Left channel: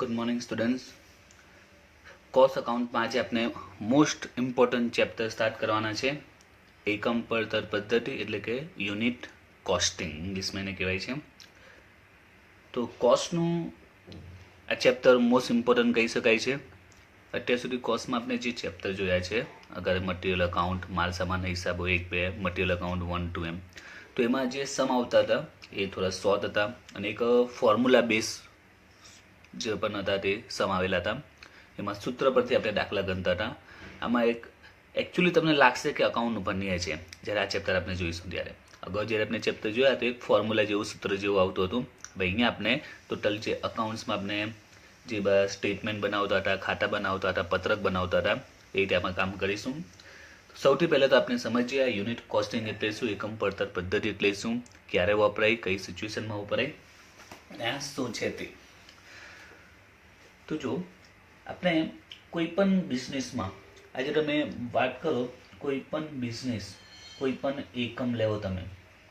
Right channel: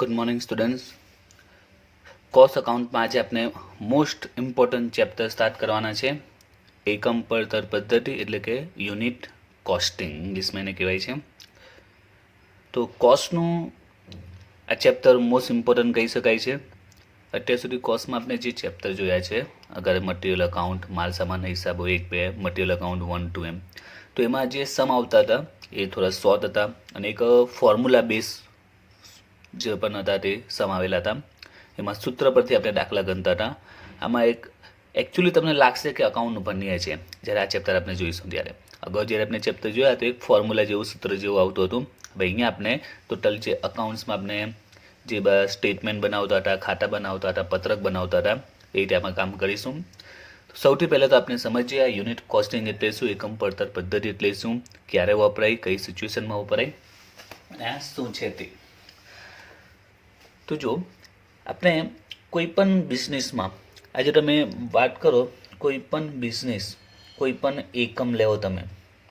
Good morning students. Cost અકાઉન્ટમાં આજે આપણે મોસ્ટ ઇમ્પોર્ટન્ટ ચેપ્ટર સ્ટાર્ટ કરવાના છે. એકમ પડતર પદ્ધતિ એટલે કે યુનિટ કોસ્ટિંગ ઇંગ્લિશમાં એને કહેવાય છે. તો કોસ્ટનું આ ચેપ્ટર મોસ્ટ ઇમ્પોર્ટન્ટ કહી શકાય છે. અત્યાર સુધી કોસ્ટમાં આપણે જે ચેપ્ટર જોયા છે, અગર મટીરિયલ અકાઉન્ટ, માલ સામાનના હિસાબો 1-2, મટીરિયલ અકાઉન્ટ 1-2 એમ, તો એમાં જે સમ આવતા હતા એ થોડા શોર્ટ હતા અને એક ફોર્મ્યુલા બેઝ જે પણ હતા તે સમાવેલા હતા. એમાં સૂત્ર પરથી આપણે દાખલા ગણતા હતા. આમાં એક એકચ્યુઅલી તમને લાગશે કે અકાઉન્ટનું ભણીએ છે જ્યારે આ ચેપ્ટર આપણે જોઈશું ત્યારે. અગાઉ જ્યારે આપણે ચેપ્ટર જોયા તો એક ફોર્મ્યુલા જેવું સૂત્ર જેવું આવતું હતું. ભાઈ અહીંયા આપણે ટોટલ જે અકાઉન્ટ્સમાં આપણે જે સ્ટેટમેન્ટ બનાવતા હતા, ખાતા બનાવતા હતા, પત્રક બનાવતા હતા, એ રીતે આપણે કામ કરીશું. સૌથી પહેલાં તો આપણે સમજીએ આ યુનિટ કોસ્ટિંગ એટલે શું, એકમ પડતર પદ્ધતિ એટલે શું, ક્યારે વપરાય, કઈ સિચ્યુએશનમાં વપરાય અને આ શું છે તે. તો જો આપણે કોઈ પણ બિઝનેસમાં આજે તમે વાત કરો, કોઈ પણ બિઝનેસ, કોઈ પણ એકમ લેવો તમે,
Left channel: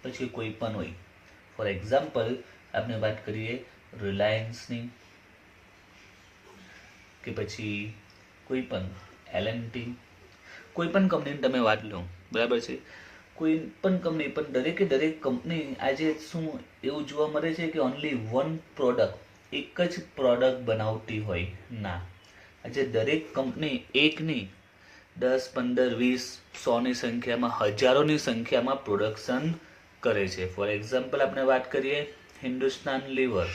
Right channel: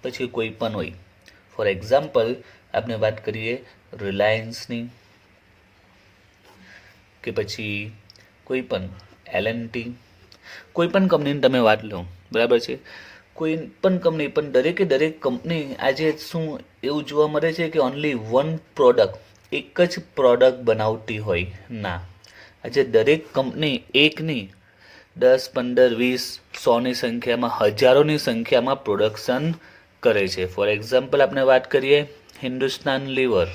પછી કોઈ પણ હોય. ફોર એક્ઝામ્પલ આપણે વાત કરીએ રિલાયન્સની કે પછી કોઈ પણ L&T, કોઈ પણ કંપનીની તમે વાત લો, બરાબર છે. કોઈ પણ કંપની, પણ દરેક કંપની આજે શું એવું જોવા મળે છે કે ઓનલી વન પ્રોડક્ટ, એક જ પ્રોડક્ટ બનાવતી હોય ના. આજે દરેક કંપની એકની 10, 15, 20, 100ની સંખ્યામાં, હજારોની સંખ્યામાં પ્રોડક્શન કરે છે. ફોર એક્ઝામ્પલ આપણે વાત કરીએ હિન્દુસ્તાન લીવર.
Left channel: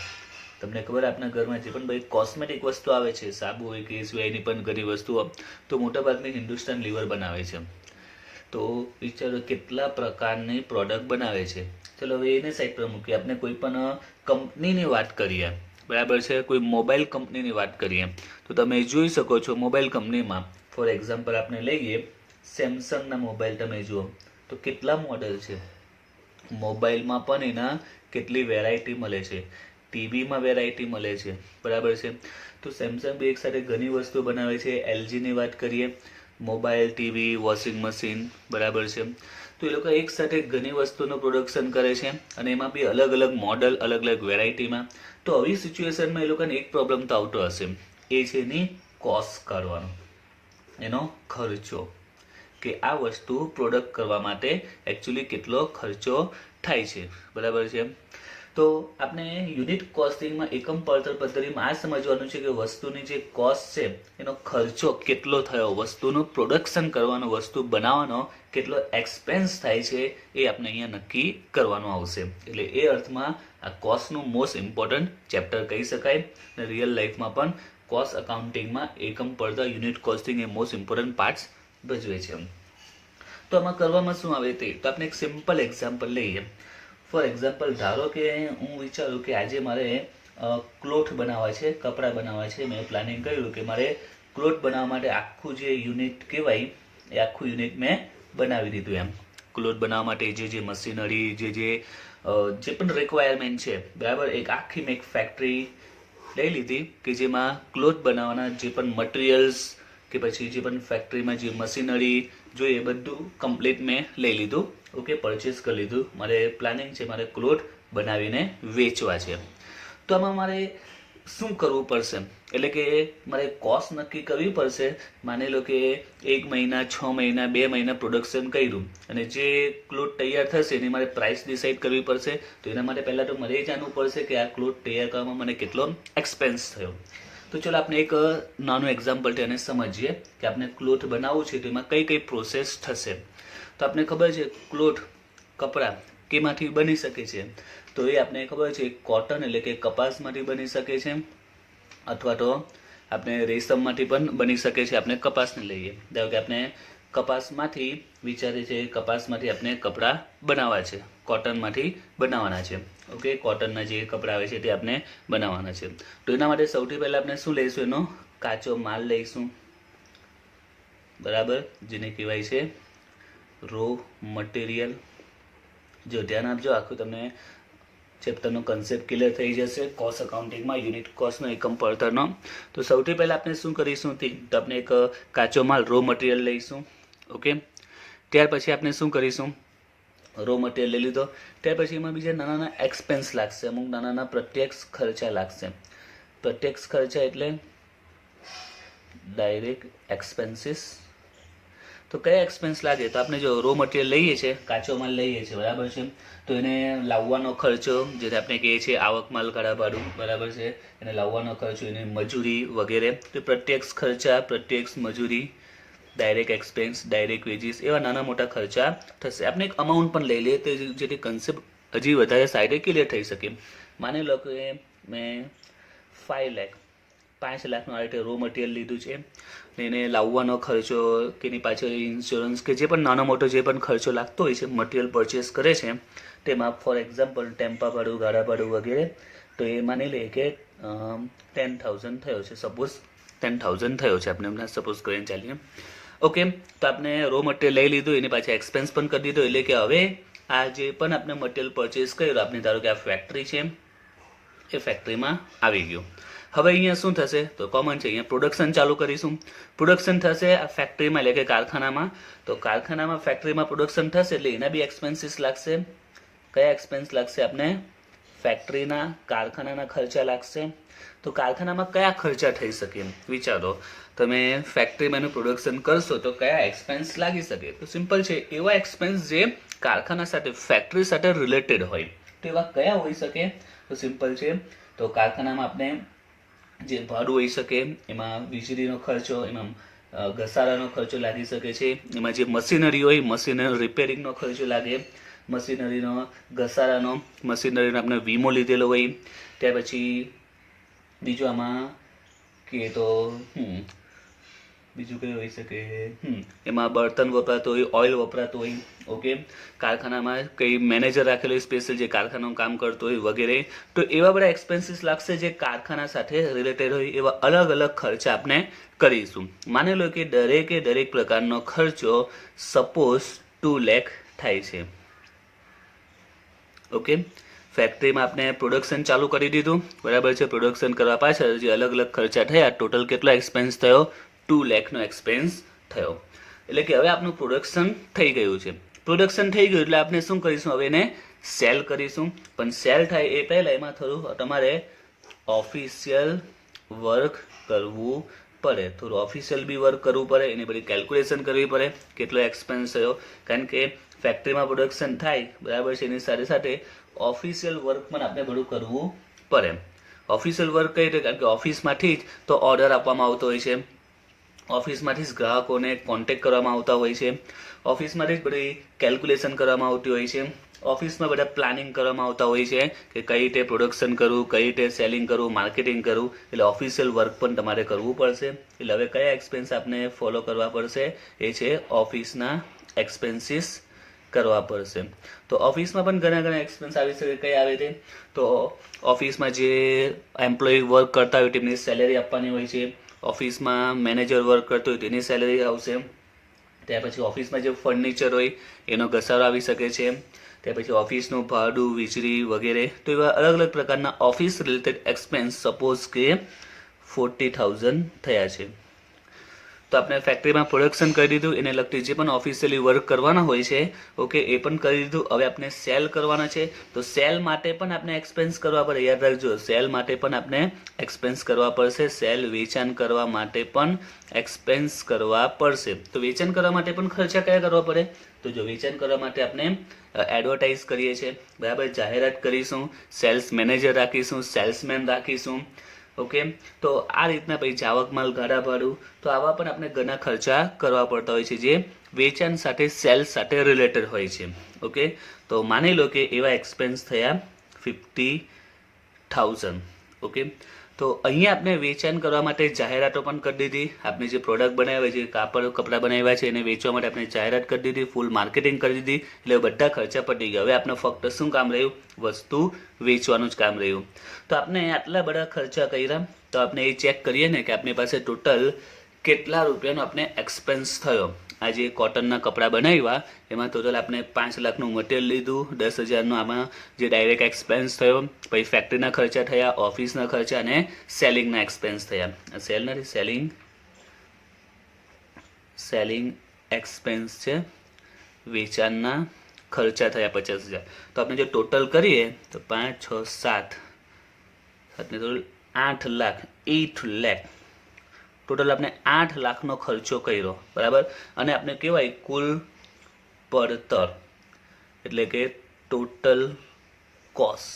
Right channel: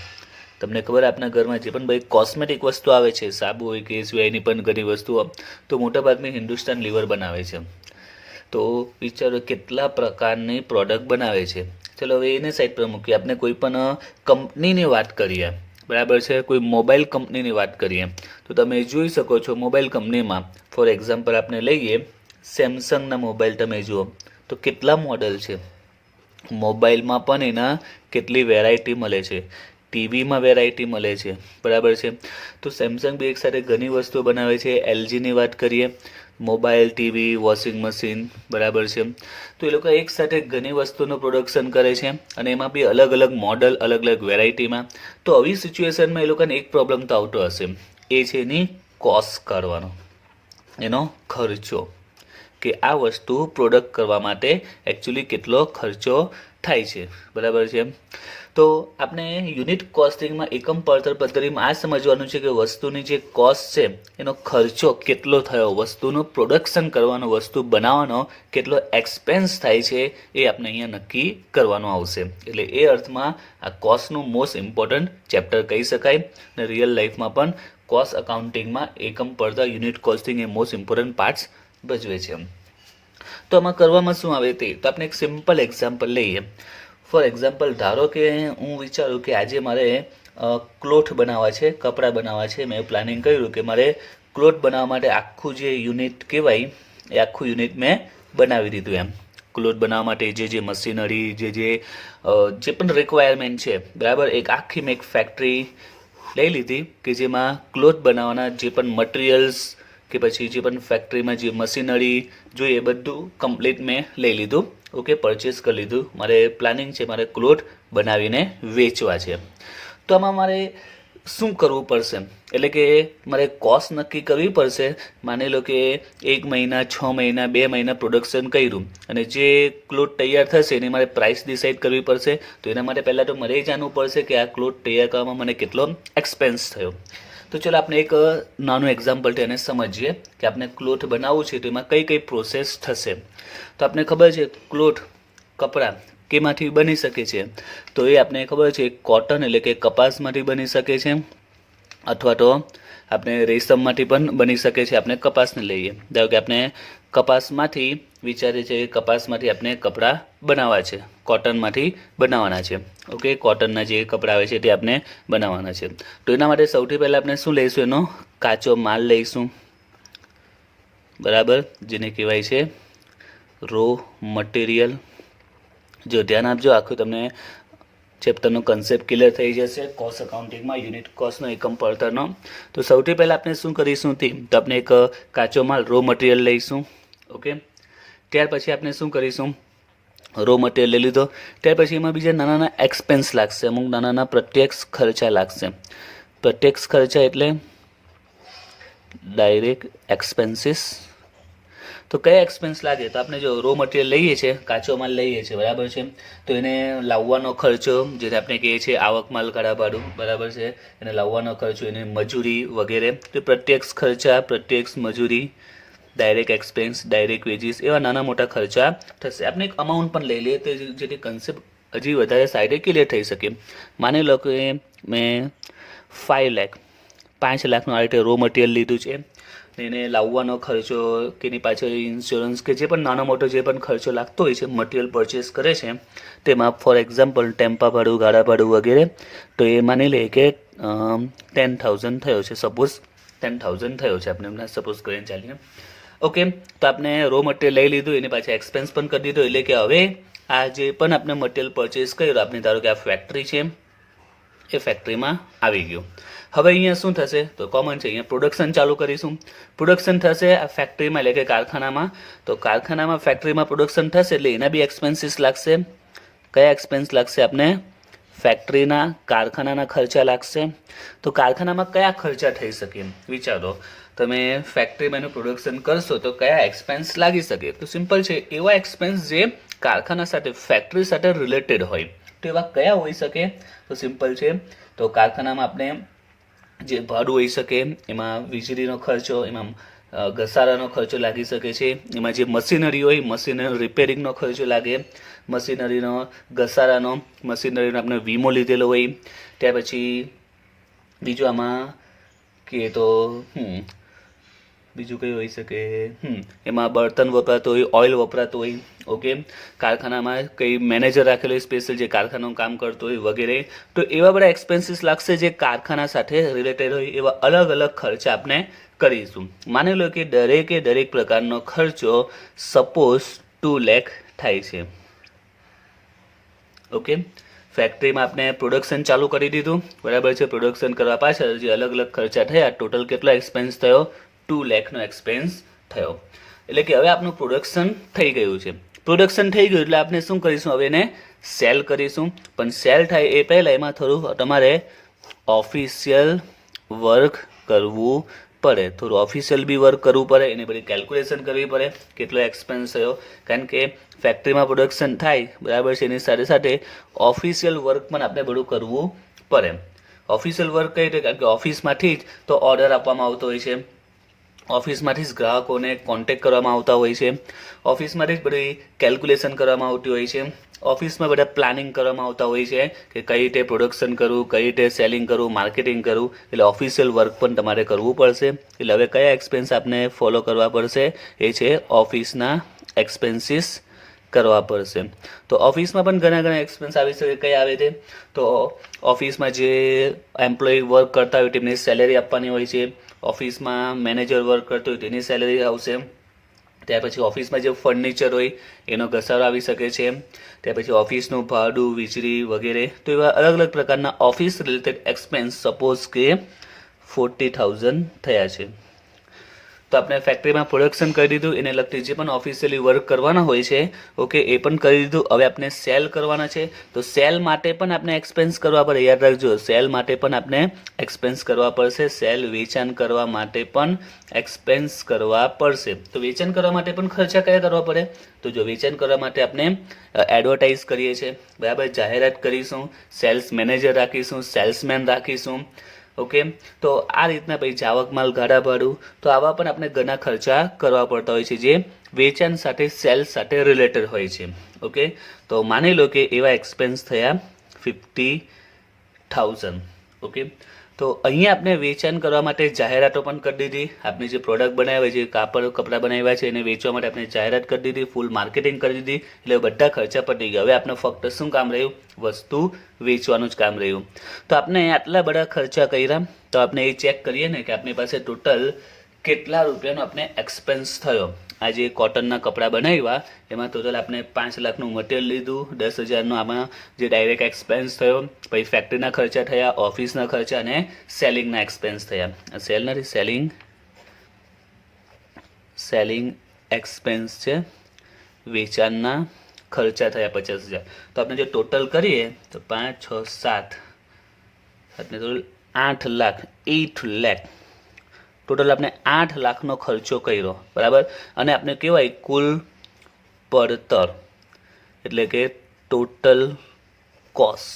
તમને ખબર આપણા ઘરમાં જે પણ ભાઈ કોસ્મેટિક વસ્તુ આવે છે, સાબુ હોય કે એ સિવાયની પણ ઘણી વસ્તુઓ, તો મોટાભાગની હિન્દુસ્તાન લીવર બનાવે છે. તો વિચારો કેટલા પ્રકારની પ્રોડક્ટ બનાવે છે. ચલો હવે એને સાઈડ પર મૂકીએ, આપણે કોઈ પણ કંપનીની વાત કરીએ, બરાબર છે. કોઈ મોબાઈલ કંપનીની વાત કરીએ તો તમે જોઈ શકો છો મોબાઈલ કંપનીમાં ફોર એક્ઝામ્પલ આપણે લઈએ સેમસંગના મોબાઈલ. તમે જુઓ તો કેટલા મોડલ છે. મોબાઈલમાં પણ એના કેટલી વેરાયટી મળે છે, ટીવીમાં વેરાયટી મળે છે, બરાબર છે. તો સેમસંગ બી એક સાથે ઘણી વસ્તુઓ બનાવે છે. LGની વાત કરીએ, મોબાઈલ, ટીવી, વોશિંગ મશીન, બરાબર છે. તો એ લોકો એક સાથે ઘણી વસ્તુનું પ્રોડક્શન કરે છે અને એમાં બી અલગ અલગ મોડલ, અલગ અલગ વેરાયટીમાં. તો આવી સિચ્યુએશનમાં એ લોકોને એક પ્રોબ્લેમ તો આવતો હશે, એ છે એની કોસ્ટ કાઢવાનો, એનો ખર્ચો, કે આ વસ્તુ પ્રોડક્ટ કરવા માટે એકચ્યુઅલી કેટલો ખર્ચો થાય છે, બરાબર છે. તો આપણે યુનિટ કોસ્ટિંગમાં એકમ પડતર પદ્ધતિમાં આ સમજવાનું છે કે વસ્તુની જે કોસ્ટ છે એનો ખર્ચો કેટલો થયો, વસ્તુનું પ્રોડક્શન કરવાનો, વસ્તુ બનાવવાનો કેટલો એક્સપેન્સ થાય છે એ આપણે અહીંયા નક્કી કરવાનું આવશે. એટલે એ અર્થમાં આ કોસ્ટનું મોસ્ટ ઇમ્પોર્ટન્ટ ચેપ્ટર કહી શકાય. અને રિયલ લાઈફમાં પણ કોસ્ટ અકાઉન્ટિંગમાં એકમ પડતર યુનિટ કોસ્ટિંગ એ મોસ્ટ ઇમ્પોર્ટન્ટ પાર્ટ્સ ભજવે છે. તો આમાં કરવામાં શું આવે તે તો આપણે એક સિમ્પલ એક્ઝામ્પલ લઈએ. ફોર એક્ઝામ્પલ ધારો કે હું વિચારું કે આજે મારે ક્લોથ બનાવવા છે, કપડાં બનાવવા છે. મેં પ્લાનિંગ કર્યું કે મારે ક્લોથ બનાવવા માટે આખું જે યુનિટ કહેવાય એ આખું યુનિટ મેં બનાવી દીધું. એમ ક્લોથ બનાવવા માટે જે મશીનરી, જે પણ રિક્વાયરમેન્ટ છે, બરાબર, એક આખી મેં એક ફેક્ટરી લઈ લીધી કે જેમાં ક્લોથ બનાવવાના જે પણ મટીરિયલ્સ કે પછી જે પણ ફેક્ટરીમાં જે મશીનરી જોઈએ એ બધું કમ્પ્લીટ મેં લઈ લીધું. ઓકે, પરચેસ કરી લીધું. મારે પ્લાનિંગ છે મારે ક્લોથ બનાવીને વેચવા છે. તો આમાં મારે શું કરવું પડશે, એટલે કે મારે કોસ્ટ નક્કી કરવી પડશે. માની લો કે 1 મહિના, 6 મહિના, 2 મહિના પ્રોડક્શન કર્યું અને જે ક્લોથ તૈયાર થશે એની મારે પ્રાઇસ ડિસાઇડ કરવી પડશે. તો એના માટે પહેલાં તો મારે એ જાણવું પડશે કે આ ક્લોથ તૈયાર કરવામાં મને કેટલો એક્સપેન્સ થયો. તો ચલો આપણે એક નાનું એક્ઝામ્પલ એને સમજીએ કે આપણે ક્લોથ બનાવવું છે તો એમાં કઈ કઈ પ્રોસેસ થશે. તો આપણે ખબર છે ક્લોથ, કપડાં કેમાંથી બની શકે છે, તો એ આપણે ખબર છે કોટન એટલે કે કપાસમાંથી બની શકે છે, અથવા તો આપણે રેશમમાંથી પણ બની શકે છે. આપણે કપાસને લઈએ, ધારો કે આપણે કપાસમાંથી વિચારીએ છીએ કે કપાસમાંથી આપણે કપડાં બનાવવા છે, કોટનમાંથી બનાવવાના છે. ઓકે, કોટનના જે કપડાં આવે છે તે આપણે બનાવવાના છે. તો એના માટે સૌથી પહેલાં આપણે શું લઈશું, એનો કાચો માલ લઈશું, બરાબર, જેને કહેવાય છે રો મટીરિયલ. જો ધ્યાન આપજો, આખું તમને ચેપ્ટરનો કન્સેપ્ટ ક્લિયર થઈ જશે કોસ્ટ અકાઉન્ટિંગમાં યુનિટ કોસ્ટનો એકમ પડતરનો. તો સૌથી પહેલાં આપણે શું કરીશું તો આપણે એક કાચો માલ રો મટીરિયલ લઈશું. ઓકે, ત્યાર પછી આપણે શું કરીશું, રો મટીરિયલ લઈ લીધો, ત્યાર પછી એમાં બીજા નાના નાના એક્સપેન્સ લાગશે, અમુક નાના નાના પ્રત્યક્ષ ખર્ચા લાગશે. પ્રત્યક્ષ ખર્ચા એટલે ડાયરેક્ટ એક્સપેન્સીસ. તો કયા એક્સપેન્સ લાગે? તો આપણે જો રો મટીરિયલ લઈએ છીએ, કાચો માલ લઈએ છીએ, બરાબર છે, તો એને લાવવાનો ખર્ચો, જેને આપણે કહીએ છીએ આવક માલ કાળા ભાડું, બરાબર છે, એને લાવવાનો ખર્ચો, એની મજૂરી વગેરે. તો પ્રત્યક્ષ ખર્ચા, પ્રત્યક્ષ મજૂરી, ડાયરેક્ટ એક્સપેન્સ, ડાયરેક્ટ વેજીસ, એવા નાના મોટા ખર્ચા થશે. આપણે એક અમાઉન્ટ પણ લઈ લઈએ તો જેથી કન્સેપ્ટ હજી વધારે સારી ક્લિયર થઈ શકે. માની લો કે મેં 5 લાખ 5 લાખનું આ રીતે રો મટીરિયલ લીધું છે, એને લાવવાનો ખર્ચો, તેની પાછળ ઇન્સ્યોરન્સ કે જે પણ નાનો મોટો જે પણ ખર્ચો લાગતો હોય છે મટીરિયલ પરચેસ કરે છે તેમાં, ફોર એક્ઝામ્પલ ટેમ્પા ભાડું, ગાડા ભાડું વગેરે, તો એ માની લઈએ કે 10,000 થયો છે. સપોઝ 10,000 થયો છે, આપણે હમણાં સપોઝ કરીને ચાલીએ. ઓકે, તો આપણે રો મટીરિયલ લઈ લીધું, એની પાછળ એક્સપેન્સ પણ કરી દીધો, એટલે કે હવે આ જે પણ આપણે મટીરિયલ પરચેસ કર્યું, આપણે ધારો કે આ ફેક્ટરી છે, એ ફેક્ટરીમાં આવી ગયું. હવે અહીંયા શું થશે? તો કોમન છે, અહીંયા પ્રોડક્શન ચાલુ કરીશું. પ્રોડક્શન થશે આ ફેક્ટરીમાં, એટલે કે કારખાનામાં. તો કારખાનામાં, ફેક્ટરીમાં પ્રોડક્શન થશે એટલે એના બી એક્સપેન્સીસ લાગશે. કયા એક્સપેન્સ લાગશે? આપણે ફેક્ટરીના, કારખાનાના ખર્ચા લાગશે. તો કારખાનામાં કયા ખર્ચા થઈ શકે? વિચારો, તમે ફેક્ટરીમાં એનું પ્રોડક્શન કરશો તો કયા એક્સપેન્સ લાગી શકે? તો સિમ્પલ છે, એવા એક્સપેન્સ જે કારખાના સાથે, ફેક્ટરી સાથે રિલેટેડ હોય, તો એવા કયા હોઈ શકે? તો સિમ્પલ છે, તો કારખાનામાં આપણે જે ભાડું હોઈ શકે, એમાં વીજળીનો ખર્ચો, એમાં ઘસારાનો ખર્ચો લાગી શકે છે, એમાં જે મશીનરી હોય, મશીનરી રિપેરિંગનો ખર્ચો લાગે, મશીનરીનો ઘસારાનો, મશીનરીનો આપણે વીમો લીધેલો હોય. ત્યાર પછી બીજું આમાં કે તો બીજું કયું હોઈ શકે? એમાં બળતણ વપરાતું હોય, ઓઇલ વપરાતું હોય. ઓકે, કારખાનામાં કઈ મેનેજર રાખેલો હોય સ્પેશિયલ જે કારખાનાનું કામ કરતો હોય વગેરે. તો એવા બધા એક્સપેન્સીસ લાગશે જે કારખાના સાથે રિલેટેડ હોય. એવા અલગ અલગ ખર્ચા આપણે કરીશું. માની લો કે દરેક પ્રકારનો ખર્ચો સપોઝ 2 લાખ થાય છે. ઓકે, ફેક્ટરીમાં આપણે પ્રોડક્શન ચાલુ કરી દીધું, બરાબર છે. પ્રોડક્શન કરવા પાછળ જે અલગ અલગ ખર્ચા થયા, ટોટલ કેટલો એક્સપેન્સ થયો? 2 લાખનો એક્સપેન્સ થયો. એટલે કે હવે આપણું પ્રોડક્શન થઈ ગયું છે. પ્રોડક્શન થઈ ગયું એટલે આપણે શું કરીશું? હવે એને સેલ કરીશું. પણ સેલ થાય એ પહેલાં એમાં થોડું તમારે ઓફિશિયલ વર્ક કરવું પડે. થોડું ઓફિશિયલ બી વર્ક કરવું પડે, એની બધી કેલ્ક્યુલેશન કરવી પડે, કેટલો એક્સપેન્સ થયો. કારણ કે ફેક્ટરીમાં પ્રોડક્શન થાય, બરાબર છે, એની સાથે સાથે ઓફિશિયલ વર્ક પણ આપણે બધું કરવું પડે. ઓફિશિયલ વર્ક કઈ રીતે? કારણ કે ઓફિસમાંથી જ તો ઓર્ડર આપવામાં આવતો હોય છે, ઓફિસમાંથી જ ગ્રાહકોને કોન્ટેક્ટ કરવામાં આવતા હોય છે, ઓફિસમાંથી જ બધી કેલ્ક્યુલેશન કરવામાં આવતી હોય છે, ઓફિસમાં બધા પ્લાનિંગ કરવામાં આવતા હોય છે કે કઈ રીતે પ્રોડક્શન કરવું, કઈ રીતે સેલિંગ કરવું, માર્કેટિંગ કરવું. એટલે ઓફિશિયલ વર્ક પણ તમારે કરવું પડશે. એટલે હવે કયા એક્સપેન્સ આપણે ફોલો કરવા પડશે? એ છે ઓફિસના એક્સપેન્સીસ કરવા પડશે. તો ઓફિસમાં પણ ઘણા એક્સપેન્સ આવી શકે. કઈ આવે છે? તો ઓફિસમાં જે એમ્પ્લોય વર્ક કરતા હોય તેમની સેલેરી આપવાની હોય છે, ઓફિસમાં મેનેજર વર્ક કરતો હોય તેની સેલેરી આવશે. ત્યાર પછી ઓફિસમાં જે ફર્નિચર હોય એનો ઘસારો આવી શકે છે. ત્યાર પછી ઓફિસનું ભાડું, વીજળી વગેરે. તો એવા અલગ અલગ પ્રકારના ઓફિસ રિલેટેડ એક્સપેન્સ સપોઝ કે 40,000 થયા છે. તો આપણે ફેક્ટરીમાં પ્રોડક્શન કરી દીધું, એને લગતી જે પણ ઓફિશિયલી વર્ક કરવાના હોય છે, ઓકે, એ પણ કરી દીધું. હવે આપણે સેલ કરવાના છે, તો સેલ માટે પણ આપણે એક્સપેન્સ કરવા પડે. યાદ રાખજો, સેલ માટે પણ આપણે એક્સપેન્સ કરવા પડશે. સેલ, વેચાણ કરવા માટે પણ એક્સપેન્સ કરવા પડશે. તો વેચાણ કરવા માટે પણ ખર્ચા કયા કરવા પડે? તો જો વેચાણ કરવા માટે આપણે એડવર્ટાઇઝ કરીએ છીએ, બરાબર, જાહેરાત કરીશું, સેલ્સ મેનેજર રાખીશું, સેલ્સમેન રાખીશું. ઓકે, તો આ રીતના પછી જાવક માલ, ગાડા ભાડું, તો આવા પણ આપણે ઘણા ખર્ચા કરવા પડતા હોય છે જે વેચાણ સાથે, સેલ્સ સાથે રિલેટેડ હોય છે. ઓકે, તો માની લો કે એવા એક્સપેન્સ થયા 50,000. ઓકે, તો અહીંયા આપણે વેચાણ કરવા માટે જાહેરાતો પણ કરી દીધી. આપણે જે પ્રોડક્ટ બનાવ્યા, જે કપડાં બનાવ્યા છે એને વેચવા માટે આપણે જાહેરાત કરી દીધી, ફૂલ માર્કેટિંગ કરી દીધી. એટલે બધા ખર્ચા પતી ગયા. હવે આપણે ફક્ત શું કામ રહ્યું? વસ્તુ વેચવાનું જ કામ રહ્યું. તો આપણે આટલા બધા ખર્ચા કર્યા, તો આપણે એ ચેક કરીએ ને કે આપણી પાસે ટોટલ કેટલા રૂપિયાનો આપણે એક્સપેન્સ થયો. આ જે કોટનના કપડાં બનાવ્યા એમાં ટોટલ આપણે 5 લાખનું મટીરિયલ લીધું, 10,000નો આમાં જે ડાયરેક્ટ એક્સપેન્સ થયો, પછી ફેક્ટરીના ખર્ચા થયા, ઓફિસના ખર્ચા અને સેલિંગના એક્સપેન્સ થયા. સેલ નથી, સેલિંગ એક્સપેન્સ છે, વેચાણના ખર્ચા થયા 50,000. તો આપણે જો ટોટલ કરીએ તો 5, 6, 7 આપણે તો 8 લાખ 8 લાખ ટોટલ આપણે 8 લાખનો ખર્ચો કર્યો, બરાબર. અને આપણે કહેવાય કુલ પડતર એટલે કે ટોટલ કોસ્ટ.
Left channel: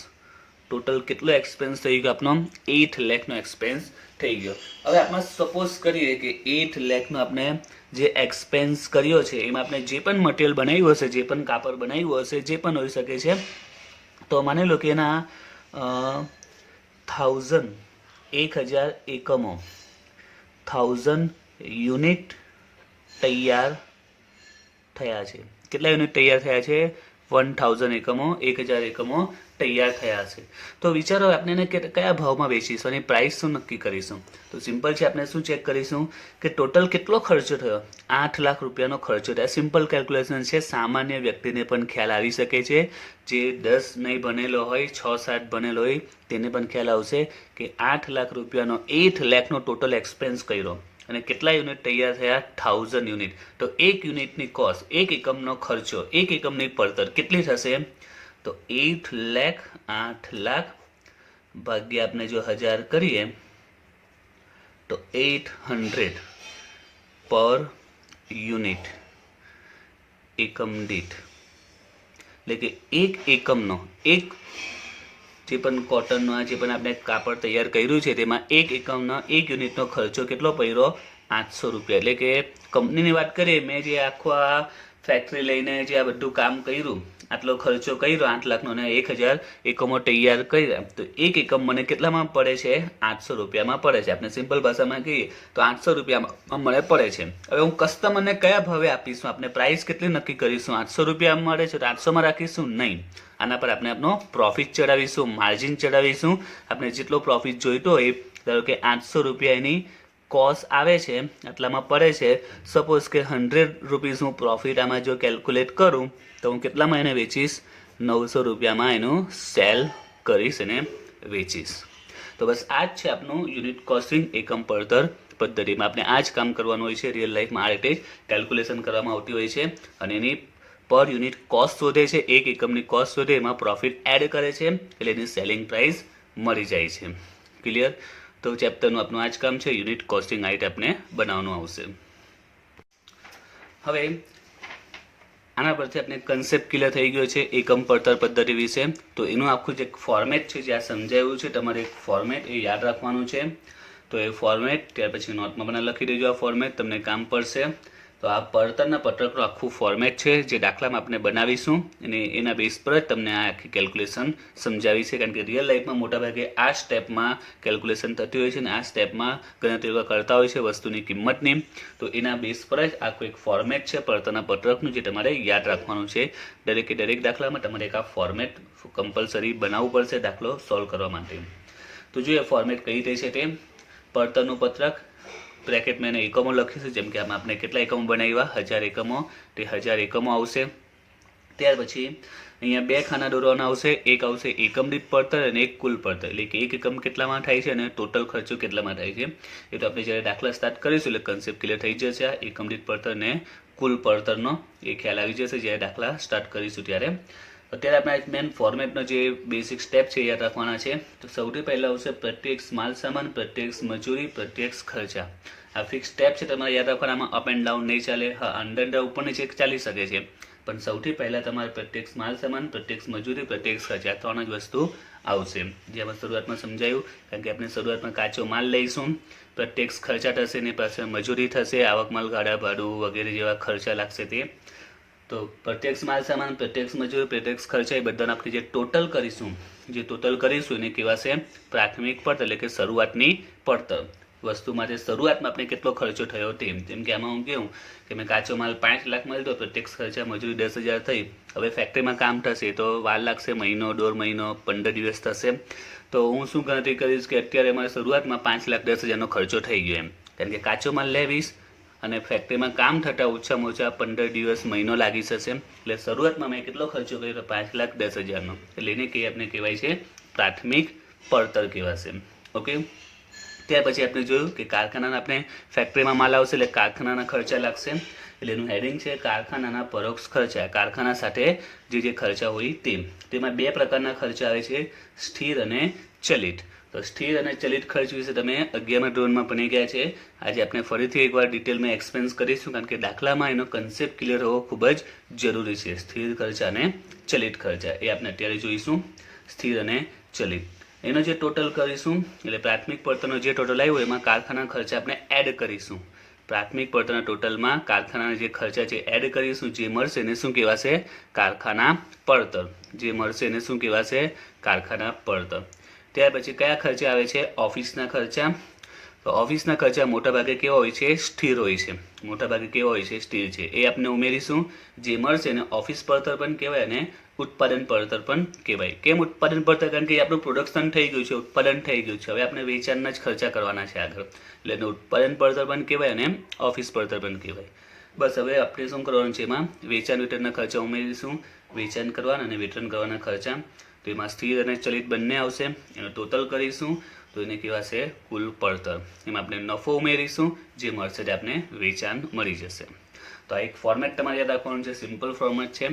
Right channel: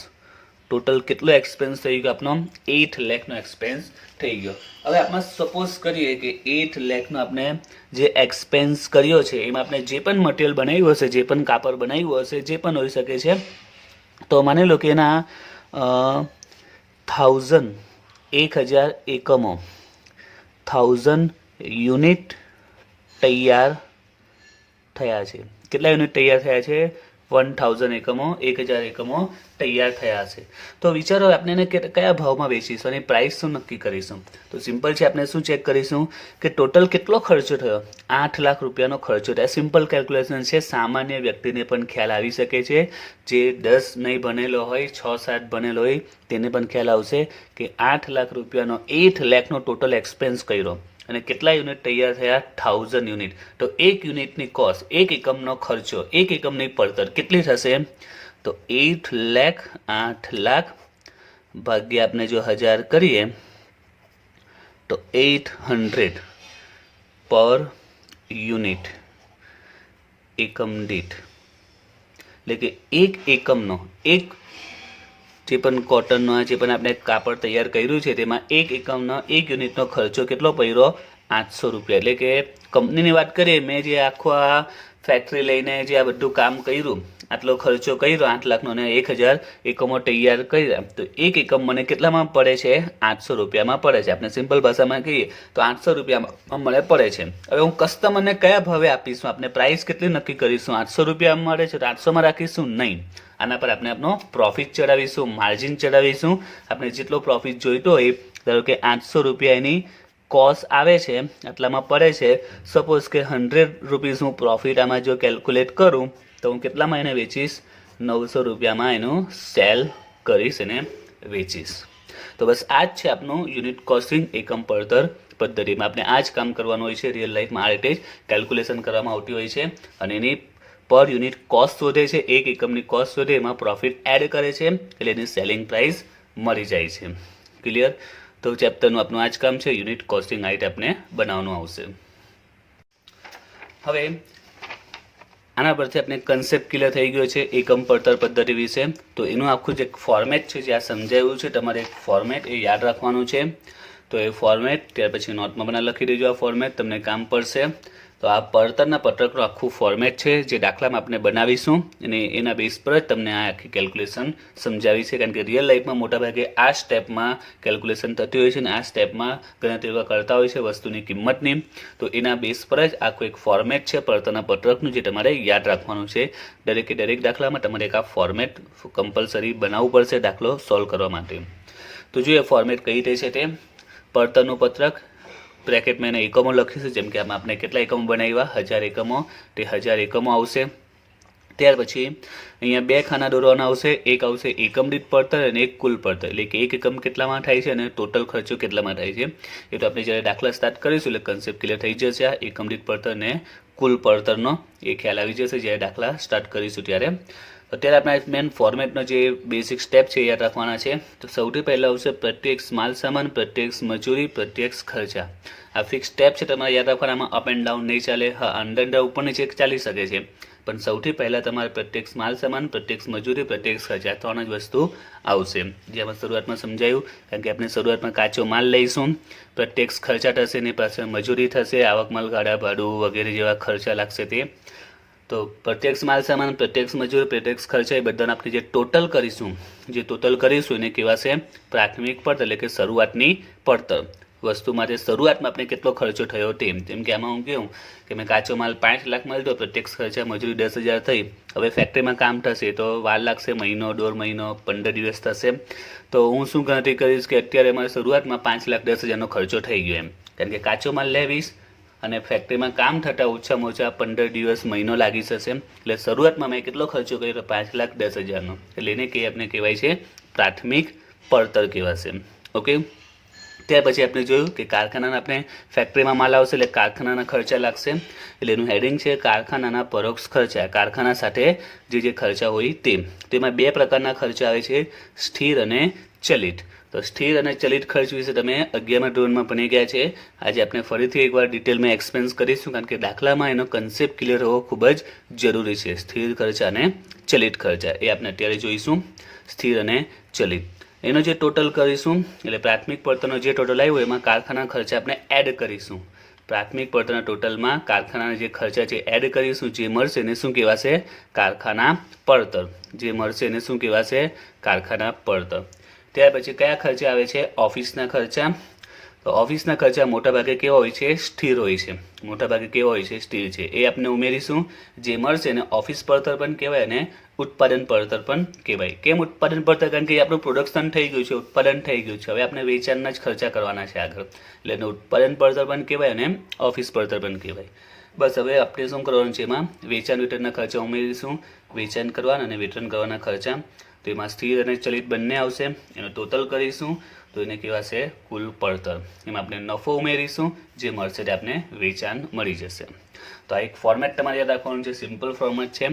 ટોટલ કેટલો એક્સપેન્સ થઈ ગયો આપણો? 8 લાખનો એક્સપેન્સ થઈ ગયો. હવે આપણે સપોઝ કરીએ કે 8 લાખનો આપણે જે એક્સપેન્સ કર્યો છે એમાં આપણે જે પણ મટીરિયલ બનાવ્યું હશે, જે પણ કાપડ બનાવ્યું હશે, જે પણ હોઈ શકે છે, તો માની લો કે એના 1000 એકમો 1000 યુનિટ તૈયાર થયા છે. કેટલા યુનિટ તૈયાર થયા છે? 1000 એકમો, 1000 એકમો તૈયાર થયા છે. તો વિચારો આપણે એને કયા ભાવમાં વેચીશું અને પ્રાઇસ શું નક્કી કરીશું? તો સિમ્પલ છે, આપણે શું ચેક કરીશું કે ટોટલ કેટલો ખર્ચો થયો? 8 લાખ રૂપિયાનો ખર્ચો થયો. સિમ્પલ કેલ્ક્યુલેશન છે, સામાન્ય વ્યક્તિને પણ ખ્યાલ આવી શકે છે. જે 10 નહીં ભણેલો હોય, 6-7 ભણેલો હોય તેને પણ ખ્યાલ આવશે કે 8 લાખ રૂપિયાનો 8 લાખનો ટોટલ એક્સપેન્સ કર્યો અને કેટલા યુનિટ તૈયાર થયા? 1000 યુનિટ. તો એક યુનિટની કોસ્ટ, એક એકમનો ખર્ચો, એક એકમની પડતર કેટલી થશે? તો 8 લાખ 8 લાખ ભાગ્યા આપણે જો 1000 કરીએ તો 800 પર યુનિટ, એકમ દીઠ. એટલે કે એક એકમનો, એક જે પણ કોટનનો જે પણ આપણે કાપડ તૈયાર કર્યું છે તેમાં એક એકમનો, એક યુનિટનો ખર્ચો કેટલો પડ્યો? 800 રૂપિયા. એટલે કે કંપનીની વાત કરીએ, મેં જે આખો આ ફેક્ટરી લઈને જે આ બધું કામ કર્યું, આટલો ખર્ચો કર્યો 8 લાખનો અને 1000 એકમો તૈયાર કર્યા, તો એક એકમ મને કેટલામાં પડે છે? 800 રૂપિયામાં પડે છે. આપણે સિમ્પલ ભાષામાં કહીએ તો 800 રૂપિયામાં મને પડે છે. હવે હું કસ્ટમરને કયા ભાવે આપીશું? આપણે પ્રાઇસ કેટલી નક્કી કરીશું? 800 રૂપિયામાં મળે છે તો 800માં રાખીશું? નહીં, આના પર આપણે આપણો પ્રોફિટ ચડાવીશું, માર્જિન ચડાવીશું. આપણે જેટલો પ્રોફિટ જોઈતો હોય, ધારો કે 800 રૂપિયાની કોસ્ટ આવે છે, આટલામાં પડે છે. સપોઝ કે 100 રૂપીસ હું પ્રોફિટ આમાં જો કેલ્ક્યુલેટ કરું તો હું કેટલામાં એને વેચીશ? 900 રૂપિયામાં એનું સેલ કરીશ અને વેચીશ. તો બસ આ જ છે આપણું યુનિટ કોસ્ટિંગ, એકમ પડતર પદ્ધતિમાં. આપણે આ જ કામ કરવાનું હોય છે. રિયલ લાઈફમાં આ રીતે જ કેલ્ક્યુલેશન કરવામાં આવતી હોય છે અને એની પર યુનિટ કોસ્ટ શોધે છે, એક એકમની કોસ્ટ શોધે, એમાં પ્રોફિટ એડ કરે છે એટલે એની સેલિંગ પ્રાઇસ મળી જાય છે. ક્લિયર? તો ચેપ્ટરનું આપણું આ જ કામ છે, યુનિટ કોસ્ટિંગ આ રીતે આપણે બનાવવાનું આવશે. હવે આના પરથી આપણે કન્સેપ્ટ ક્લિયર થઈ ગયો છે એકમ પડતર પદ્ધતિ વિશે. તો એનું આખું જે ફોર્મેટ છે, જે આ સમજાવ્યું છે, તમારે એક ફોર્મેટ એ યાદ રાખવાનું છે. તો એ ફોર્મેટ ત્યાર પછી નોટમાં બનાવી લખી દેજો. આ ફોર્મેટ તમને કામ પડશે. તો આ પડતરના પત્રકનું આખું ફોર્મેટ છે, જે દાખલામાં આપણે બનાવીશું અને એના બેઝ પર જ તમને આ આખી કેલ્ક્યુલેશન સમજાવી છે. કારણ કે રિયલ લાઈફમાં મોટાભાગે આ સ્ટેપમાં કેલ્ક્યુલેશન થતી હોય છે અને આ સ્ટેપમાં ગણતરી કરતા હોય છે વસ્તુની કિંમતની. તો એના બેઝ પર જ આખું એક ફોર્મેટ છે પડતરના પત્રકનું, જે તમારે યાદ રાખવાનું છે. દરેકે દરેક દાખલામાં તમારે એક આ ફોર્મેટ કમ્પલસરી બનાવવું પડશે દાખલો સોલ્વ કરવા માટે. તો જોઈએ ફોર્મેટ કઈ રીતે છે તે. પડતરનું પત્રક, બ્રેકેટમાં એને એકમો લખીશું. જેમ કે આમાં આપણે કેટલા એકમો બનાવ્યા? 1000 એકમો, તે 1000 એકમો આવશે. ત્યાર પછી અહીંયા બે ખાના દોરવાના આવશે. એક આવશે એકમ દીઠ પડતર અને એક કુલ પડતર, એટલે કે એક એકમ કેટલામાં થાય છે અને ટોટલ ખર્ચો કેટલામાં થાય છે. એ તો આપણે જ્યારે દાખલા સ્ટાર્ટ કરીશું એટલે કન્સેપ્ટ ક્લિયર થઈ જશે. આ એકમ દીઠ પડતર અને કુલ પડતરનો એ ખ્યાલ આવી જશે જ્યારે દાખલા સ્ટાર્ટ કરીશું ત્યારે. અત્યારે આપણે મેન ફોર્મેટનો જે બેસિક સ્ટેપ છે એ યાદ રાખવાના છે. તો સૌથી પહેલાં આવશે પ્રત્યક્ષ માલ સામાન, પ્રત્યક્ષ મજૂરી, પ્રત્યક્ષ ખર્ચા. આ ફિક્સ સ્ટેપ છે, તમારે યાદ રાખવાના. આમાં અપ એન્ડ ડાઉન નહીં ચાલે. હા, અંડર ઉપર નીચે ચાલી શકે છે, પણ સૌથી પહેલાં તમારે પ્રત્યક્ષ માલ સામાન, પ્રત્યક્ષ મજૂરી, પ્રત્યક્ષ ખર્ચા, ત્રણ જ વસ્તુ આવશે. જે અમે શરૂઆતમાં સમજાયું, કારણ કે આપણે શરૂઆતમાં કાચો માલ લઈશું, પ્રત્યક્ષ ખર્ચા થશે, એની પાસે મજૂરી થશે, આવક માલ, ભાડા, ભાડું વગેરે જેવા ખર્ચા લાગશે તે. તો પ્રત્યક્ષ માલ સામાન, પ્રત્યક્ષ મજૂરી, પ્રત્યક્ષ ખર્ચા એ બધાને આપણે જે ટોટલ કરીશું એને કહેવાશે પ્રાથમિક પડતર, એટલે કે શરૂઆતની પડતર. વસ્તુ માટે શરૂઆતમાં આપણે કેટલો ખર્ચો થયો તેમ. જેમ કે આમાં હું કહું કે મેં કાચો માલ 5 લાખ મળ્યો, પ્રત્યક્ષ ખર્ચા મજૂરી 10,000 થઈ. હવે ફેક્ટરીમાં કામ થશે તો વાર લાગશે, મહિનો, 1.5 મહિનો, 15 દિવસ થશે. તો હું શું ગણતરી કરીશ કે અત્યારે મારે શરૂઆતમાં 5,10,000નો ખર્ચો થઈ ગયો એમ. કારણ કે કાચો માલ લેવીશ અને ફેક્ટરીમાં કામ થતાં ઓછામાં ઓછા 15 દિવસ, મહિનો લાગી જશે. એટલે શરૂઆતમાં મેં કેટલો ખર્ચો કર્યો? 5,10,000નો. એટલે એને આપણે કહેવાય છે પ્રાથમિક પડતર કહેવાશે. ઓકે. ત્યાર પછી આપણે જોયું કે કારખાનાના આપણે ફેક્ટરીમાં માલ આવશે એટલે કારખાનાના ખર્ચા લાગશે. એટલે એનું હેડિંગ છે કારખાનાના પરોક્ષ ખર્ચા. કારખાના સાથે જે ખર્ચા હોય તેમાં બે પ્રકારના ખર્ચા આવે છે, સ્થિર અને ચલિત. તો સ્થિર અને ચલિત ખર્ચ વિશે તમે 11મા ધોરણમાં ભણી ગયા છે. આજે આપણે ફરીથી એકવાર ડિટેલમાં એક્સપ્લેન કરીશું, કારણ કે દાખલામાં એનો કન્સેપ્ટ ક્લિયર હોવો ખૂબ જ જરૂરી છે. સ્થિર ખર્ચા અને ચલિત ખર્ચા એ આપણે અત્યારે જોઈશું. સ્થિર અને ચલિત એનો જે ટોટલ કરીશું, એટલે પ્રાથમિક પડતરનો જે ટોટલ આવ્યો એમાં કારખાના ખર્ચા આપણે એડ કરીશું. પ્રાથમિક પડતરના ટોટલમાં કારખાનાના જે ખર્ચા છે એડ કરીશું. જે મળશે એને શું કહેવાશે? કારખાના પડતર. જે મળશે એને શું કહેવાશે? કારખાના પડતર. ત્યાર પછી કયા ખર્ચા આવે છે? ઓફિસના ખર્ચા. તો ઓફિસના ખર્ચા મોટાભાગે કેવા હોય છે? સ્થિર હોય છે. મોટાભાગે કેવા હોય છે? સ્થિર છે. એ આપણે ઉમેરીશું. જે મળશે એને ઓફિસ પડતર પણ કહેવાય અને ઉત્પાદન પડતર પણ કહેવાય. કેમ ઉત્પાદન પડતર? કારણ કે આપણું પ્રોડક્શન થઈ ગયું છે, ઉત્પાદન થઈ ગયું છે. હવે આપણે વેચાણના જ ખર્ચા કરવાના છે આગળ, એટલે એને ઉત્પાદન પડતર પણ કહેવાય અને ઓફિસ પડતર પણ કહેવાય. બસ હવે આપણે શું કરવાનું છે? એમાં વેચાણ વિતરણના ખર્ચા ઉમેરીશું. વેચાણ કરવાના અને વિતરણ કરવાના ખર્ચા, તો એમાં સ્થિર અને ચલિત બંને આવશે. એનો ટોટલ કરીશું તો એને કહેવાશે કુલ પડતર. એમાં આપણે નફો ઉમેરીશું. જે મળશે તે આપણે વેચાણ મળી જશે. તો આ એક ફોર્મેટ તમારે યાદ રાખવાનું છે. સિમ્પલ ફોર્મેટ છે.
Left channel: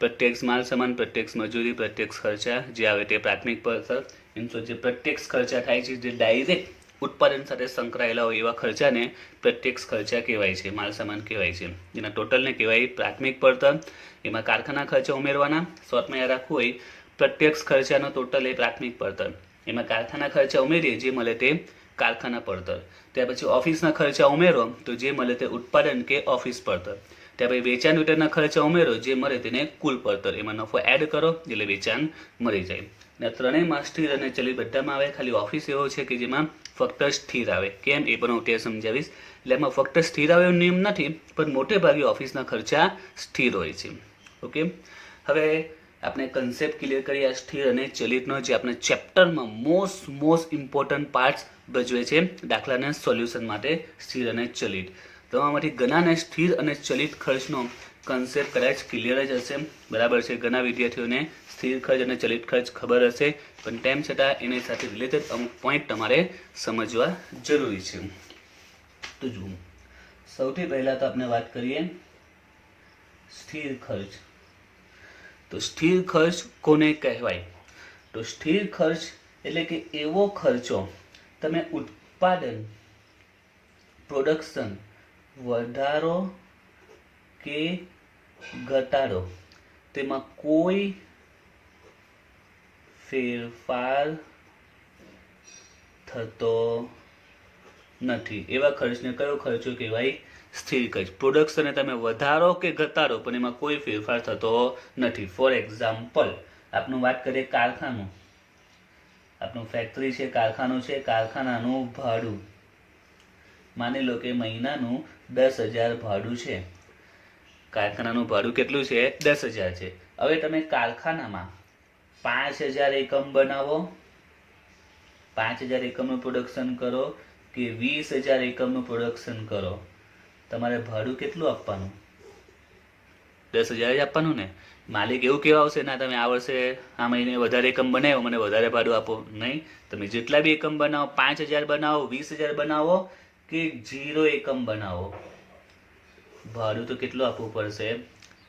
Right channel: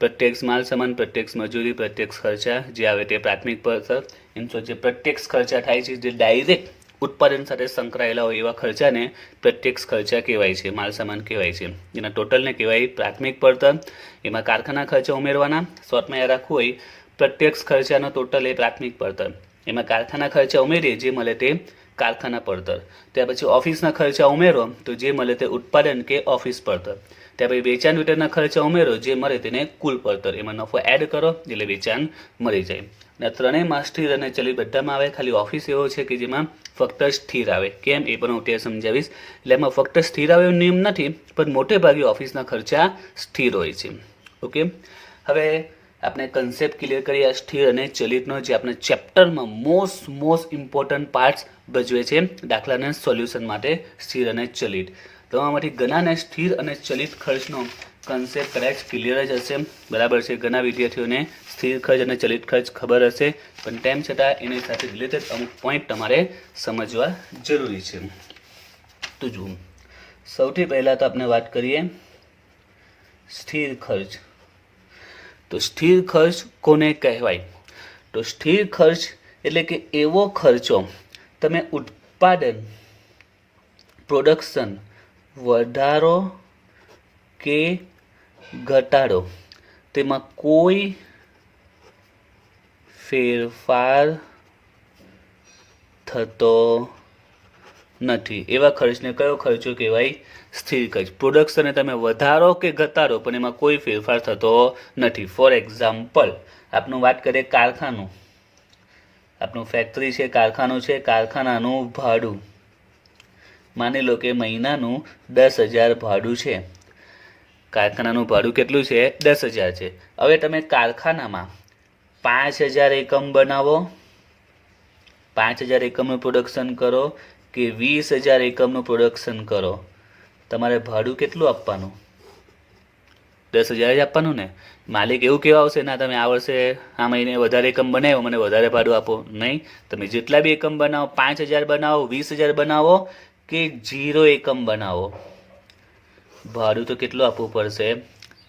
પ્રત્યક્ષ માલ સામાન, પ્રત્યક્ષ મજૂરી, પ્રત્યક્ષ ખર્ચા જે આવે તે પ્રાથમિક પડતર. એમ જે પ્રત્યક્ષ ખર્ચા થાય છે, જે ડાયરેક્ટ ઉત્પાદન સાથે સંકળાયેલા હોય એવા ખર્ચાને પ્રત્યક્ષ ખર્ચા કહેવાય છે, માલ સામાન કહેવાય છે. એના ટોટલને કહેવાય પ્રાથમિક પડતર. એમાં કારખાના ખર્ચા ઉમેરવાના. શોર્ટમાં યાદ રાખવું હોય, પ્રત્યક્ષ ખર્ચાનો ટોટલ એ પ્રાથમિક પડતર. એમાં કારખાના ખર્ચા ઉમેરીએ, જે મળે તે કારખાના પડતર. ત્યાર પછી ઓફિસના ખર્ચા ઉમેરો તો જે મળે તે ઉત્પાદન કે ઓફિસ પડતર. ત્યાર પછી વેચાણ વિતરણના ખર્ચા ઉમેરો, જે મળે તેને કુલ પડતર. એમાં નફો એડ કરો એટલે વેચાણ મળી જાય. અને ત્રણેયમાં સ્થિર અને ચલિત બધામાં આવે. ખાલી ઓફિસ એવો છે કે જેમાં ફક્ત સ્થિર આવે. કેમ એ પણ હું ત્યાં સમજાવીશ. એટલે એમાં ફક્ત સ્થિર આવે એવો નિયમ નથી, પણ મોટે ભાગે ઓફિસના ખર્ચા સ્થિર હોય છે. ઓકે, હવે આપણે કન્સેપ્ટ ક્લિયર કરીએ. સ્થિર અને ચલિતનો જે આપણે ચેપ્ટરમાં મોસ્ટ ઇમ્પોર્ટન્ટ પાર્ટ્સ ભજવે છે દાખલાના સોલ્યુશન માટે. સ્થિર અને ચલિત તમારામાંથી ઘણાને સ્થિર અને ચલિત ખર્ચનો કન્સેપ્ટ કદાચ ક્લિયર જ હશે. બરાબર છે. ઘણા વિદ્યાર્થીઓને સ્થિર ખર્ચ અને ચલિત ખર્ચ ખબર હશે, પણ તેમ છતાં એની સાથે રિલેટેડ અમુક પોઈન્ટ તમારે સમજવા જરૂરી છે. તો જુઓ, સૌથી પહેલાં તો આપણે વાત કરીએ સ્થિર ખર્ચ. તો સ્થિર ખર્ચ કોને કહેવાય? તો સ્થિર ખર્ચ એટલે કે એવો ખર્ચો તમે ઉત્પાદન, પ્રોડક્શન વધારો કે ઘટાડો, તેમાં કોઈ ફેરફાર થતો નથી. એવા ખર્ચને કયો ખર્ચો કહેવાય? સ્થિર ખર્ચ. પ્રોડક્શનને તમે વધારો કે ઘટાડો, પણ એમાં કોઈ ફેરફાર થતો નથી. ફોર એક્ઝામ્પલ, આપણું વાત કરીએ કારખાનું. આપણું ફેક્ટરી છે, કારખાનું છે. કારખાનાનું ભાડું માની લો કે મહિનાનું 10,000 ભાડું છે. કારખાનાનું ભાડું કેટલું છે? 10,000 છે. હવે તમે કારખાનામાં 5,000 એકમ બનાવો, 5,000 એકમનું પ્રોડક્શન કરો કે 20,000 એકમનું પ્રોડક્શન કરો, તમારે ભાડું કેટલું આપવાનું? 10,000 જ આપવાનું ને. માલિક એવું કહેવા આવશે, ના તમે આ વર્ષે આ મહિને વધારે એકમ બનાવ્યો, મને વધારે ભાડું આપો. નહીં, તમે જેટલા બી એકમ બનાવો, 5,000 બનાવો, 20,000 બનાવો કે 0 એકમ બનાવો, ભાડું તો કેટલું આપવું પડશે?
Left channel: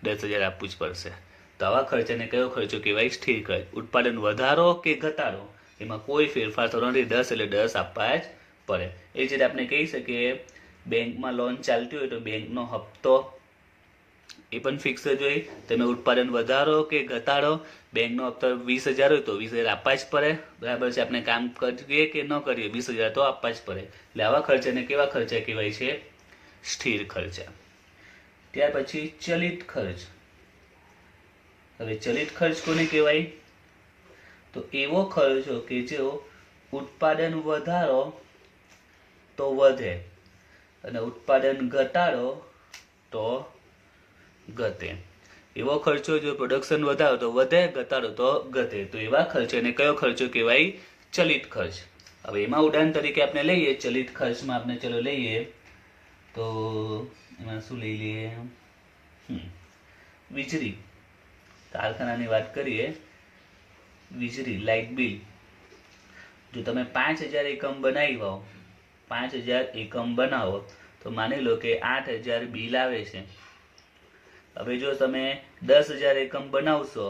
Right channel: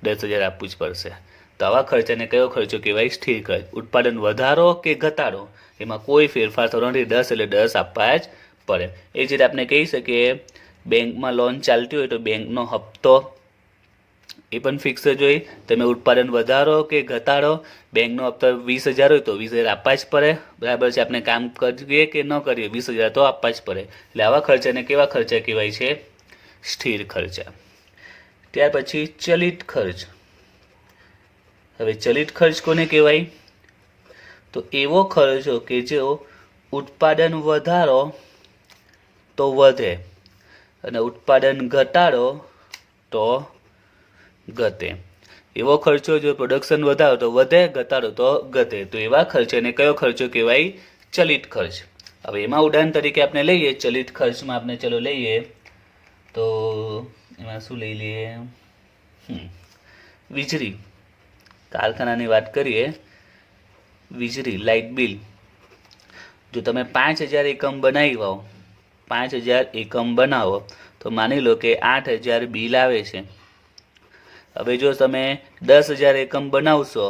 10,000 આપવું જ પડશે. તો આવા ખર્ચાને કયો ખર્ચો કહેવાય? સ્થિર ખર્ચ. ઉત્પાદન વધારો કે ઘટાડો, એમાં કોઈ ફેરફાર થતો નથી. 10 એટલે 10 આપવા જ પડે. એ જ રીતે આપણે કહી શકીએ, બેંકમાં લોન ચાલતી હોય તો બેંકનો હપ્તો એ પણ ફિક્સ જ હોય. તમે ઉત્પાદન વધારો કે ઘટાડો, બેંકનો હપ્તો 20,000 હોય તો 20,000 આપવા જ પડે. બરાબર છે. આપણે કામ કરીએ કે ન કરીએ, 20,000 તો આપવા જ પડે. એટલે આવા ખર્ચાને કેવા ખર્ચા કહેવાય છે? સ્થિર ખર્ચા. ત્યાર પછી ચલિત ખર્ચ. હવે ચલિત ખર્ચ કોને કહેવાય? તો એવો ખર્ચો કે જો ઉત્પાદન વધારો તો વધે અને ઉત્પાદન ઘટાડો તો ઘટે. એવો ખર્ચો જો પ્રોડક્શન વધારો તો વધે, ઘટાડો તો ઘટે. તો એવા ખર્ચને કયો ખર્ચો કહેવાય? ચલિત ખર્ચ. હવે એમાં ઉદાહરણ તરીકે આપણે લઈએ ચલિત ખર્ચમાં, આપણે ચલો લઈએ તો એમાં શું લઈ લઈએ? વીજળી. કારખાનાની વાત કરીએ, વીજળી, લાઇટ બિલ. જો તમે 5,000 એકમ બનાવો, 5,000 એકમ બનાવો તો માની લો કે 8,000 બિલ આવે છે. હવે જો તમે 10,000 એકમ બનાવશો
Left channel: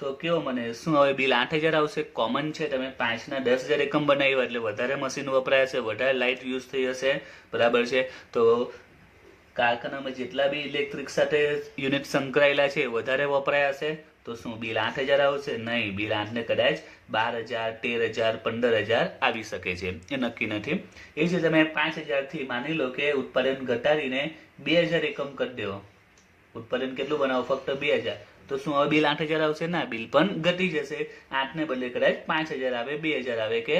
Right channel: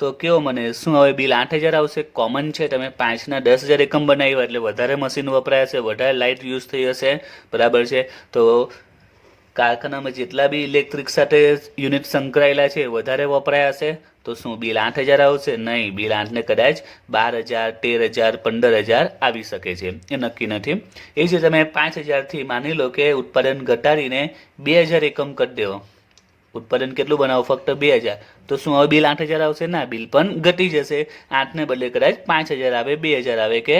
તો કેવો મને શું હવે બિલ 8,000 આવશે? કોમન છે, તમે 5ના 10,000 એકમ બનાવ્યા એટલે વધારે મશીન વપરાય હશે, વધારે લાઇટ યુઝ થઈ હશે, બરાબર છે. તો કારખાનામાં જેટલા બી ઇલેક્ટ્રિક સાથે યુનિટ સંકળાયેલા છે વધારે વપરાયા હશે, તો શું બિલ 8,000 આવશે? નહીં, બિલ 8ને કદાચ 12,000, 13,000, 15,000 આવી શકે છે, એ નક્કી નથી. એ જ તમે 5,000થી માની લો કે ઉત્પાદન ઘટાડીને 2,000 એકમ કરી દેવો, ઉત્પાદન કેટલું બનાવો? ફક્ત 2,000, તો શું હવે બિલ 8,000 આવશે? ના, બિલ પણ ઘટી જશે. 8ને બદલે કદાચ 5,000 આવે, 2,000 આવે કે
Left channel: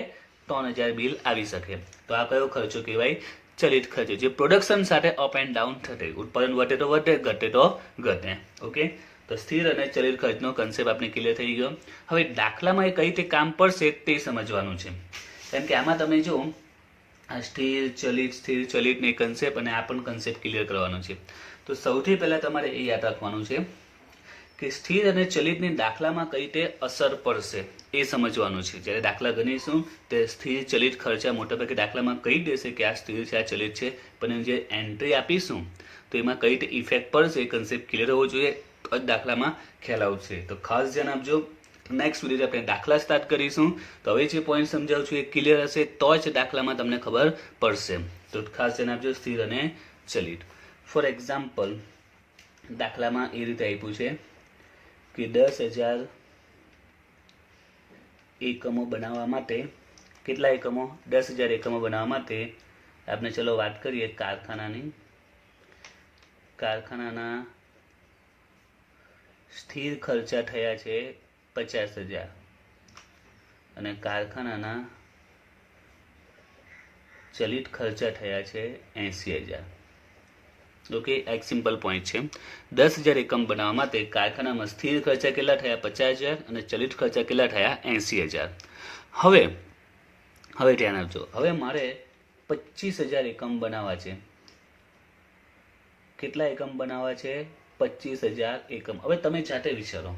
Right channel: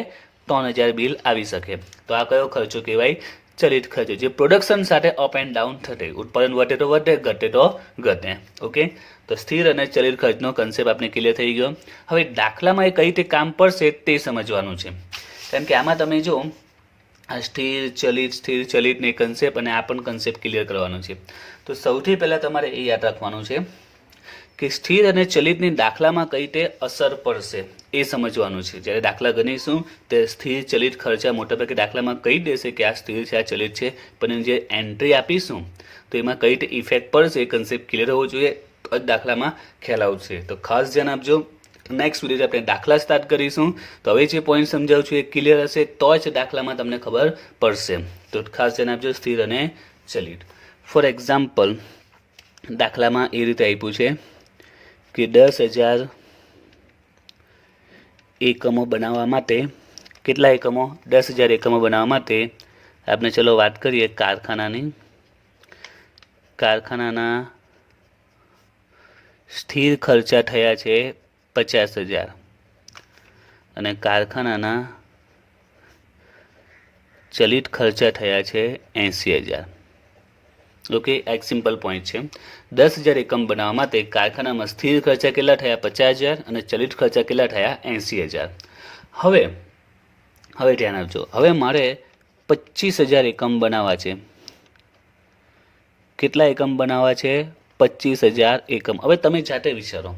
3,000 બિલ આવી શકે. તો આ કયો ખર્ચો કહેવાય? ચલિત ખર્ચ, જે પ્રોડક્શન સાથે અપ એન્ડ ડાઉન થશે. ઉત્પાદન વધે તો વધે, ઘટે તો ઘટે. ઓકે, તો સ્થિર અને ચલિત ખર્ચનો કન્સેપ્ટ આપણે ક્લિયર થઈ ગયો. હવે દાખલામાં એ કઈ રીતે કામ પડશે તે સમજવાનું છે, કારણ કે આમાં તમે જો આ સ્થિર ચલિતની કન્સેપ્ટ અને આ પણ કન્સેપ્ટ ક્લિયર કરવાનું છે. તો સૌથી પહેલાં તમારે એ યાદ રાખવાનું છે કે સ્થિર અને ચલિતની દાખલામાં કઈ રીતે અસર પડશે એ સમજવાનું છે. જ્યારે દાખલા ગણીશું તે સ્થિર ચલિત ખર્ચા મોટાભાગે દાખલામાં કહી દેશે કે આ સ્થિર છે, આ ચલિત છે, પણ જે એન્ટ્રી આપીશું તો એમાં કઈ રીતે ઇફેક્ટ પડશે એ કન્સેપ્ટ ક્લિયર હોવો જોઈએ, દાખલામાં ખ્યાલ આવશે. તો ખાસ ધ્યાન આપજો. નેક્સ્ટ વિડીયો આપણે દાખલા સ્ટાર્ટ કરીશું. તો હવે જે પોઈન્ટ સમજાવું છું એ ક્લિયર હશે તો જ દાખલામાં તમને ખબર પડશે. તો ખાસ ધ્યાન આપજો, સ્થિર અને ચલિત. ફોર એક્ઝામ્પલ, દાખલામાં એ રીતે આપ્યું છે કે 10,000 એકમો બનાવવા માટે, કેટલા એકમો? 10,000 એકમો બનાવવા માટે આપણે ચલો વાત કરીએ કારખાનાના સ્થિર ખર્ચા થયા છે 50,000 અને કારખાનાના ચલિત ખર્ચા થયા છે 80,000. ઓકે, એક સિમ્પલ પોઈન્ટ છે. 10,000 એકમ બનાવવા માટે કારખાનામાં સ્થિર ખર્ચા કેટલા થયા? 50,000 અને ચલિત ખર્ચા કેટલા થયા? 80,000. હવે ધ્યાન આપજો. હવે મારે 25,000 એકમ બનાવવા છે. કેટલા એકમ બનાવવા છે? 25,000 એકમ. હવે તમે જાતે વિચારો,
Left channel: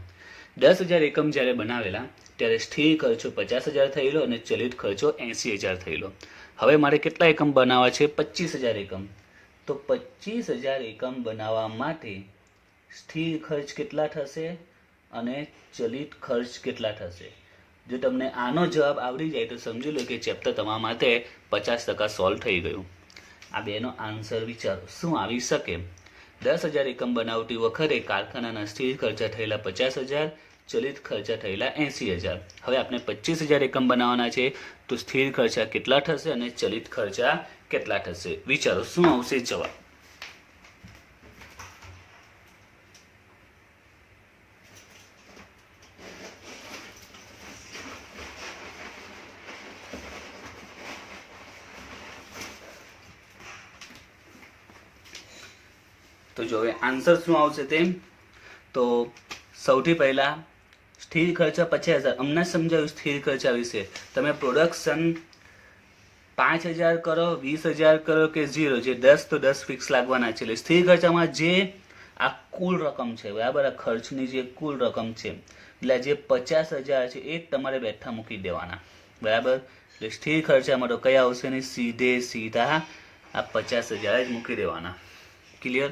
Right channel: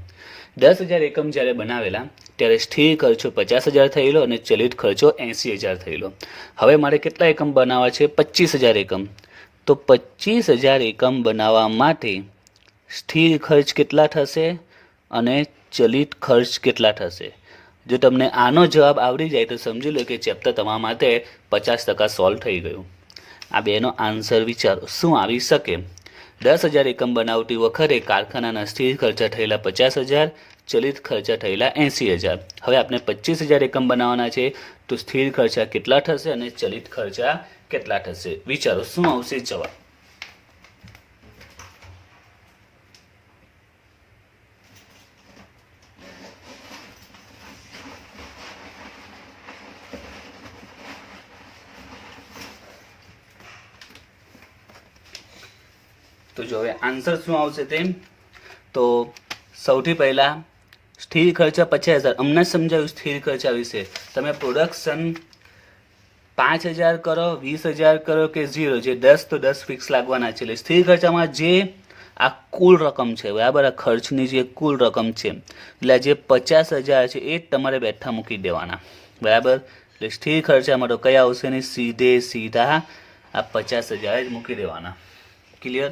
10,000 એકમ જ્યારે બનાવેલા ત્યારે સ્થિર ખર્ચો 50,000 થયેલો અને ચલિત ખર્ચો 80,000 થયેલો. હવે મારે કેટલા એકમ બનાવવા છે? 25,000 એકમ. તો 25,000 એકમ બનાવવા માટે સ્થિર ખર્ચ કેટલા થશે અને ચલિત ખર્ચ કેટલા થશે? જો તમને આનો જવાબ આવડી જાય તો સમજી લો કે ચેપ્ટર તમારા માટે 50% સોલ્વ થઈ ગયું. આ બેનો આન્સર વિચારો, શું આવી શકે? 10,000 એકમ બનાવતી વખતે કારખાનાના સ્થિર ખર્ચા થયેલા 50,000, ચલિત ખર્ચા થયેલા 80,000. હવે આપણે 25,000 એકમ બનાવવાના છે, તો સ્થિર ખર્ચા કેટલા થશે અને ચલિત ખર્ચા કેટલા થશે? વિચારો, શું આવશે જવાબ? તો જો હવે આન્સર શું આવશે તેમ, તો સૌથી પહેલા સ્થિર ખર્ચા 50,000 અમને સમજાવ્યું. સ્થિર ખર્ચા વિશે તમે પ્રોડક્શન 5,000 કરો, 20,000 કરો કે 0, જે 10 તો 10 ફિક્સ લાગવાના છે. એટલે સ્થિર ખર્ચામાં જે આ કુલ રકમ છે, બરાબર, આ ખર્ચની જે કુલ રકમ છે, એટલે જે 50,000 છે એ જ તમારે બેઠા મૂકી દેવાના, બરાબર. એટલે સ્થિર ખર્ચામાં તો કયા આવશે નહીં, સીધા આ 50,000 જ મૂકી દેવાના. ક્લિયર?